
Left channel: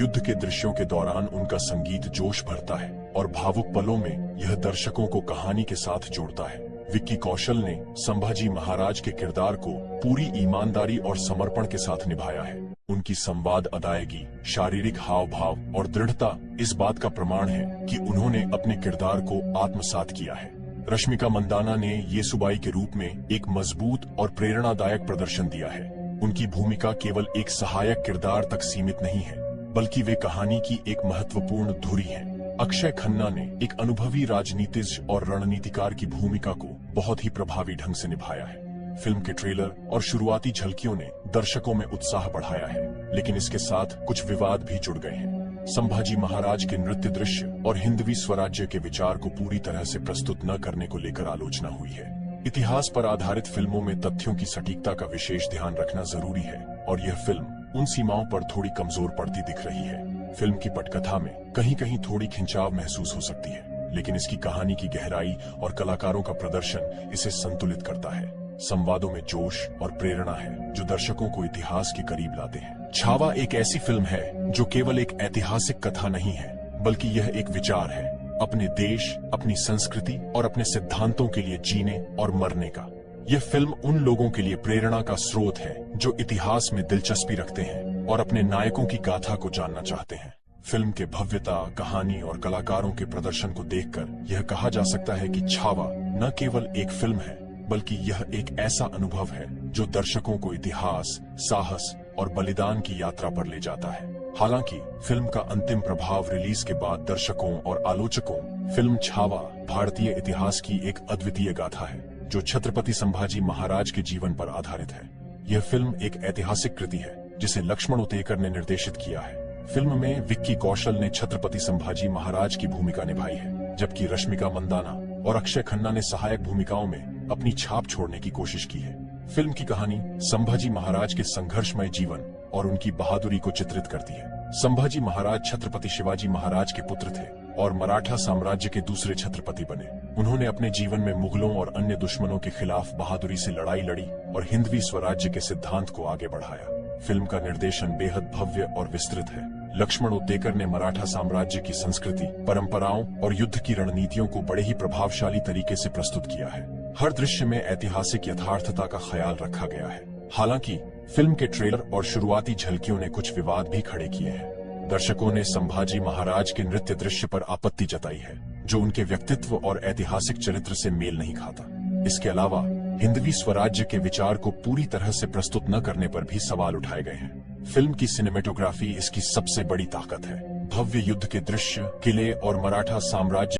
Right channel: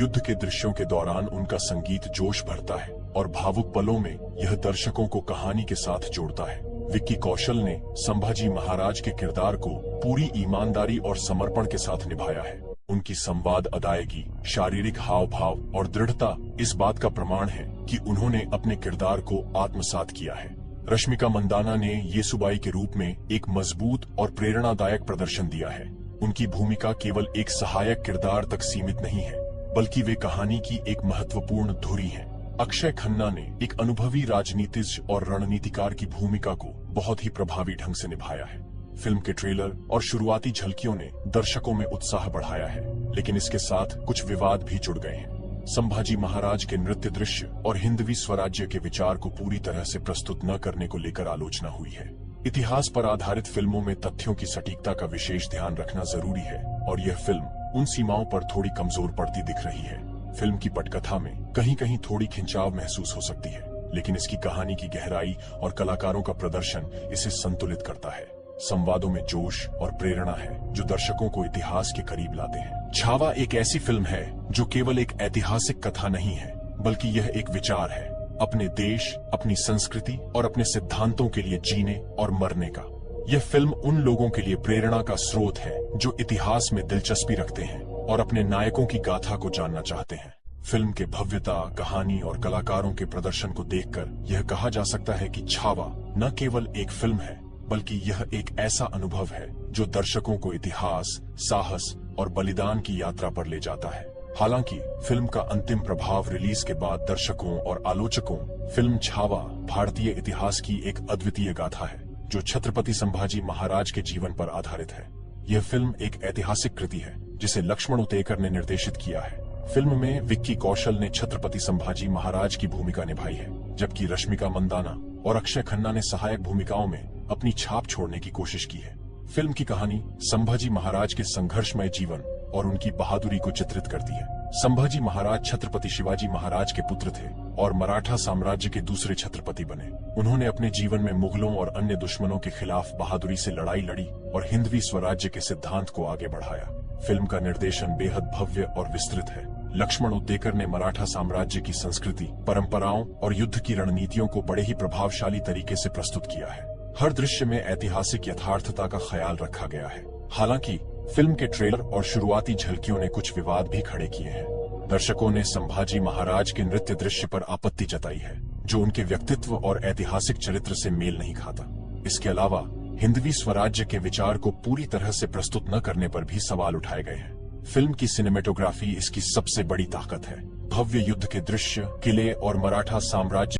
युद्ध के दृश्यों के दौरान उनका संगीत जोश भरता है और भावुक पलों में यह दर्शकों को कहानी के साथ जोड़ता है। विक्की कौशल ने संभाजी महाराज के किरदार को पूरी ईमानदारी और समर्पण के साथ निभाया है। उनकी संवाद अदायगी, शारीरिक हाव भाव और दृढ़ता इस बात का प्रमाण है कि उन्होंने अपने किरदार को आत्मसात किया है। रश्मिका मंदाना ने येसुबाई के रूप में एक मजबूत और प्रेरणादायक प्रदर्शन दिया है। उनकी भूमिका केवल एक सहायक किरदार तक सीमित नहीं है, बल्कि वे कहानी की एक महत्वपूर्ण धुरी हैं। अक्षय खन्ना ने एक अनुभवी राजनीतिज्ञ और रणनीतिकार की भूमिका को बहुत ही प्रभावी ढंग से निभाया है। फिल्म के ट्रेलर और शुरुआती झलकियों ने दर्शकों में उत्साह बढ़ाया है, लेकिन इसके साथ कुछ विवाद भी जुड़ गए हैं। संभाजी महाराज के नृत्य दृश्य और हिंदवी स्वराज्य के विचार को पूरी तरह से प्रस्तुत न करने को लेकर आलोचना हुई है। इतिहास पर आधारित फिल्मों में तथ्यों की सटीकता का विशेष ध्यान रखना जरूरी है, और यह फिल्म उन सीमाओं पर थोड़ी कमजोर पड़ती दिख रही है। फिल्म की पटकथा में कहीं कहीं थोड़ी खिंचाव महसूस हो सकती है, लेकिन इसकी कहानी की गहराई और कलाकारों का प्रदर्शन इसे संतुलित करता है। संवादों में जोश और प्रेरणा है जो दर्शकों को इतिहास के करीब लाते हैं। छावा एक ऐसी फिल्म है जो केवल एक ऐतिहासिक कथा नहीं है, बल्कि यह एक विचार है, अपने देश, अपनी संस्कृति और अपने सिद्धांतों के लिए जीने और मरने का। यह फिल्म उन लोगों के लिए प्रेरणा का स्रोत है जो इतिहास में दिलचस्पी रखते हैं और अपने नायकों की गाथा को जानना चाहते हैं। फिल्म के भव्यता, कहानी और कलाकारों के प्रदर्शन को देखकर यह कहा जा सकता है कि छावा न केवल एक फिल्म है, बल्कि यह एक ऐसा अनुभव है जो दर्शकों को इतिहास, साहस और बलिदान की यात्रा पर ले जाता है। हालांकि फिल्म का अंतिम प्रभाव रिलीज के बाद दर्शकों और आलोचकों, फिल्म छावा भारतीय इतिहास की एक अद्वितीय गाथा है जो छत्रपति संभाजी महाराज के जीवन पर आधारित है। यह फिल्म एक ऐतिहासिक कृति है जिसे लक्ष्मण उतेकर ने निर्देशित किया है। फिल्म में विक्की कौशल ने छत्रपति संभाजी महाराज की भूमिका निभाई है, जबकि रश्मिका मंदाना और अक्षय खन्ना ने सहायक भूमिकाओं में अपनी छाप छोड़ने की कोशिश की है। फिल्म की कहानी संभाजी महाराज के संघर्षमय जीवन और उनकी बहादुरी को चित्रित करती है। संभाजी महाराज छत्रपति शिवाजी महाराज के पुत्र थे और मराठा साम्राज्य के दूसरे छत्रपति बने। उन्होंने अपने जीवन में मुगलों और अन्य दुश्मनों के खिलाफ बहादुरी से लड़ाई लड़ी और हिंदवी स्वराज्य के सिद्धांत को आगे बढ़ाया। फिल्म का निर्देशन बेहद भव्य और विस्तृत है। लक्ष्मण उतेकर ने मराठा साम्राज्य की संस्कृति, परंपराओं और युद्ध की रणनीतियों को बड़े ही प्रभावशाली तरीके से प्रस्तुत किया है। हर दृश्य में ऐतिहासिक यथार्थता का ख्याल रखा गया है। हालांकि फिल्म के ट्रेलर और शुरुआती झलकियों ने कुछ विवाद भी खड़े किए हैं। दर्शकों ने संभाजी महाराज के नृत्य दृश्य पर आपत्ति जताई है, जो उनके व्यक्तित्व और ऐतिहासिक चरित्र से मेल नहीं खाता। इसके अलावा हिंदवी स्वराज्य के विचार को पूरी तरह से प्रस्तुत न करने पर भी सवाल उठाए गए हैं। फिल्म की सिनेमेटोग्राफी इसकी सबसे बड़ी ताकत है। भव्य युद्ध के दृश्य, किले और मराठा साम्राज्य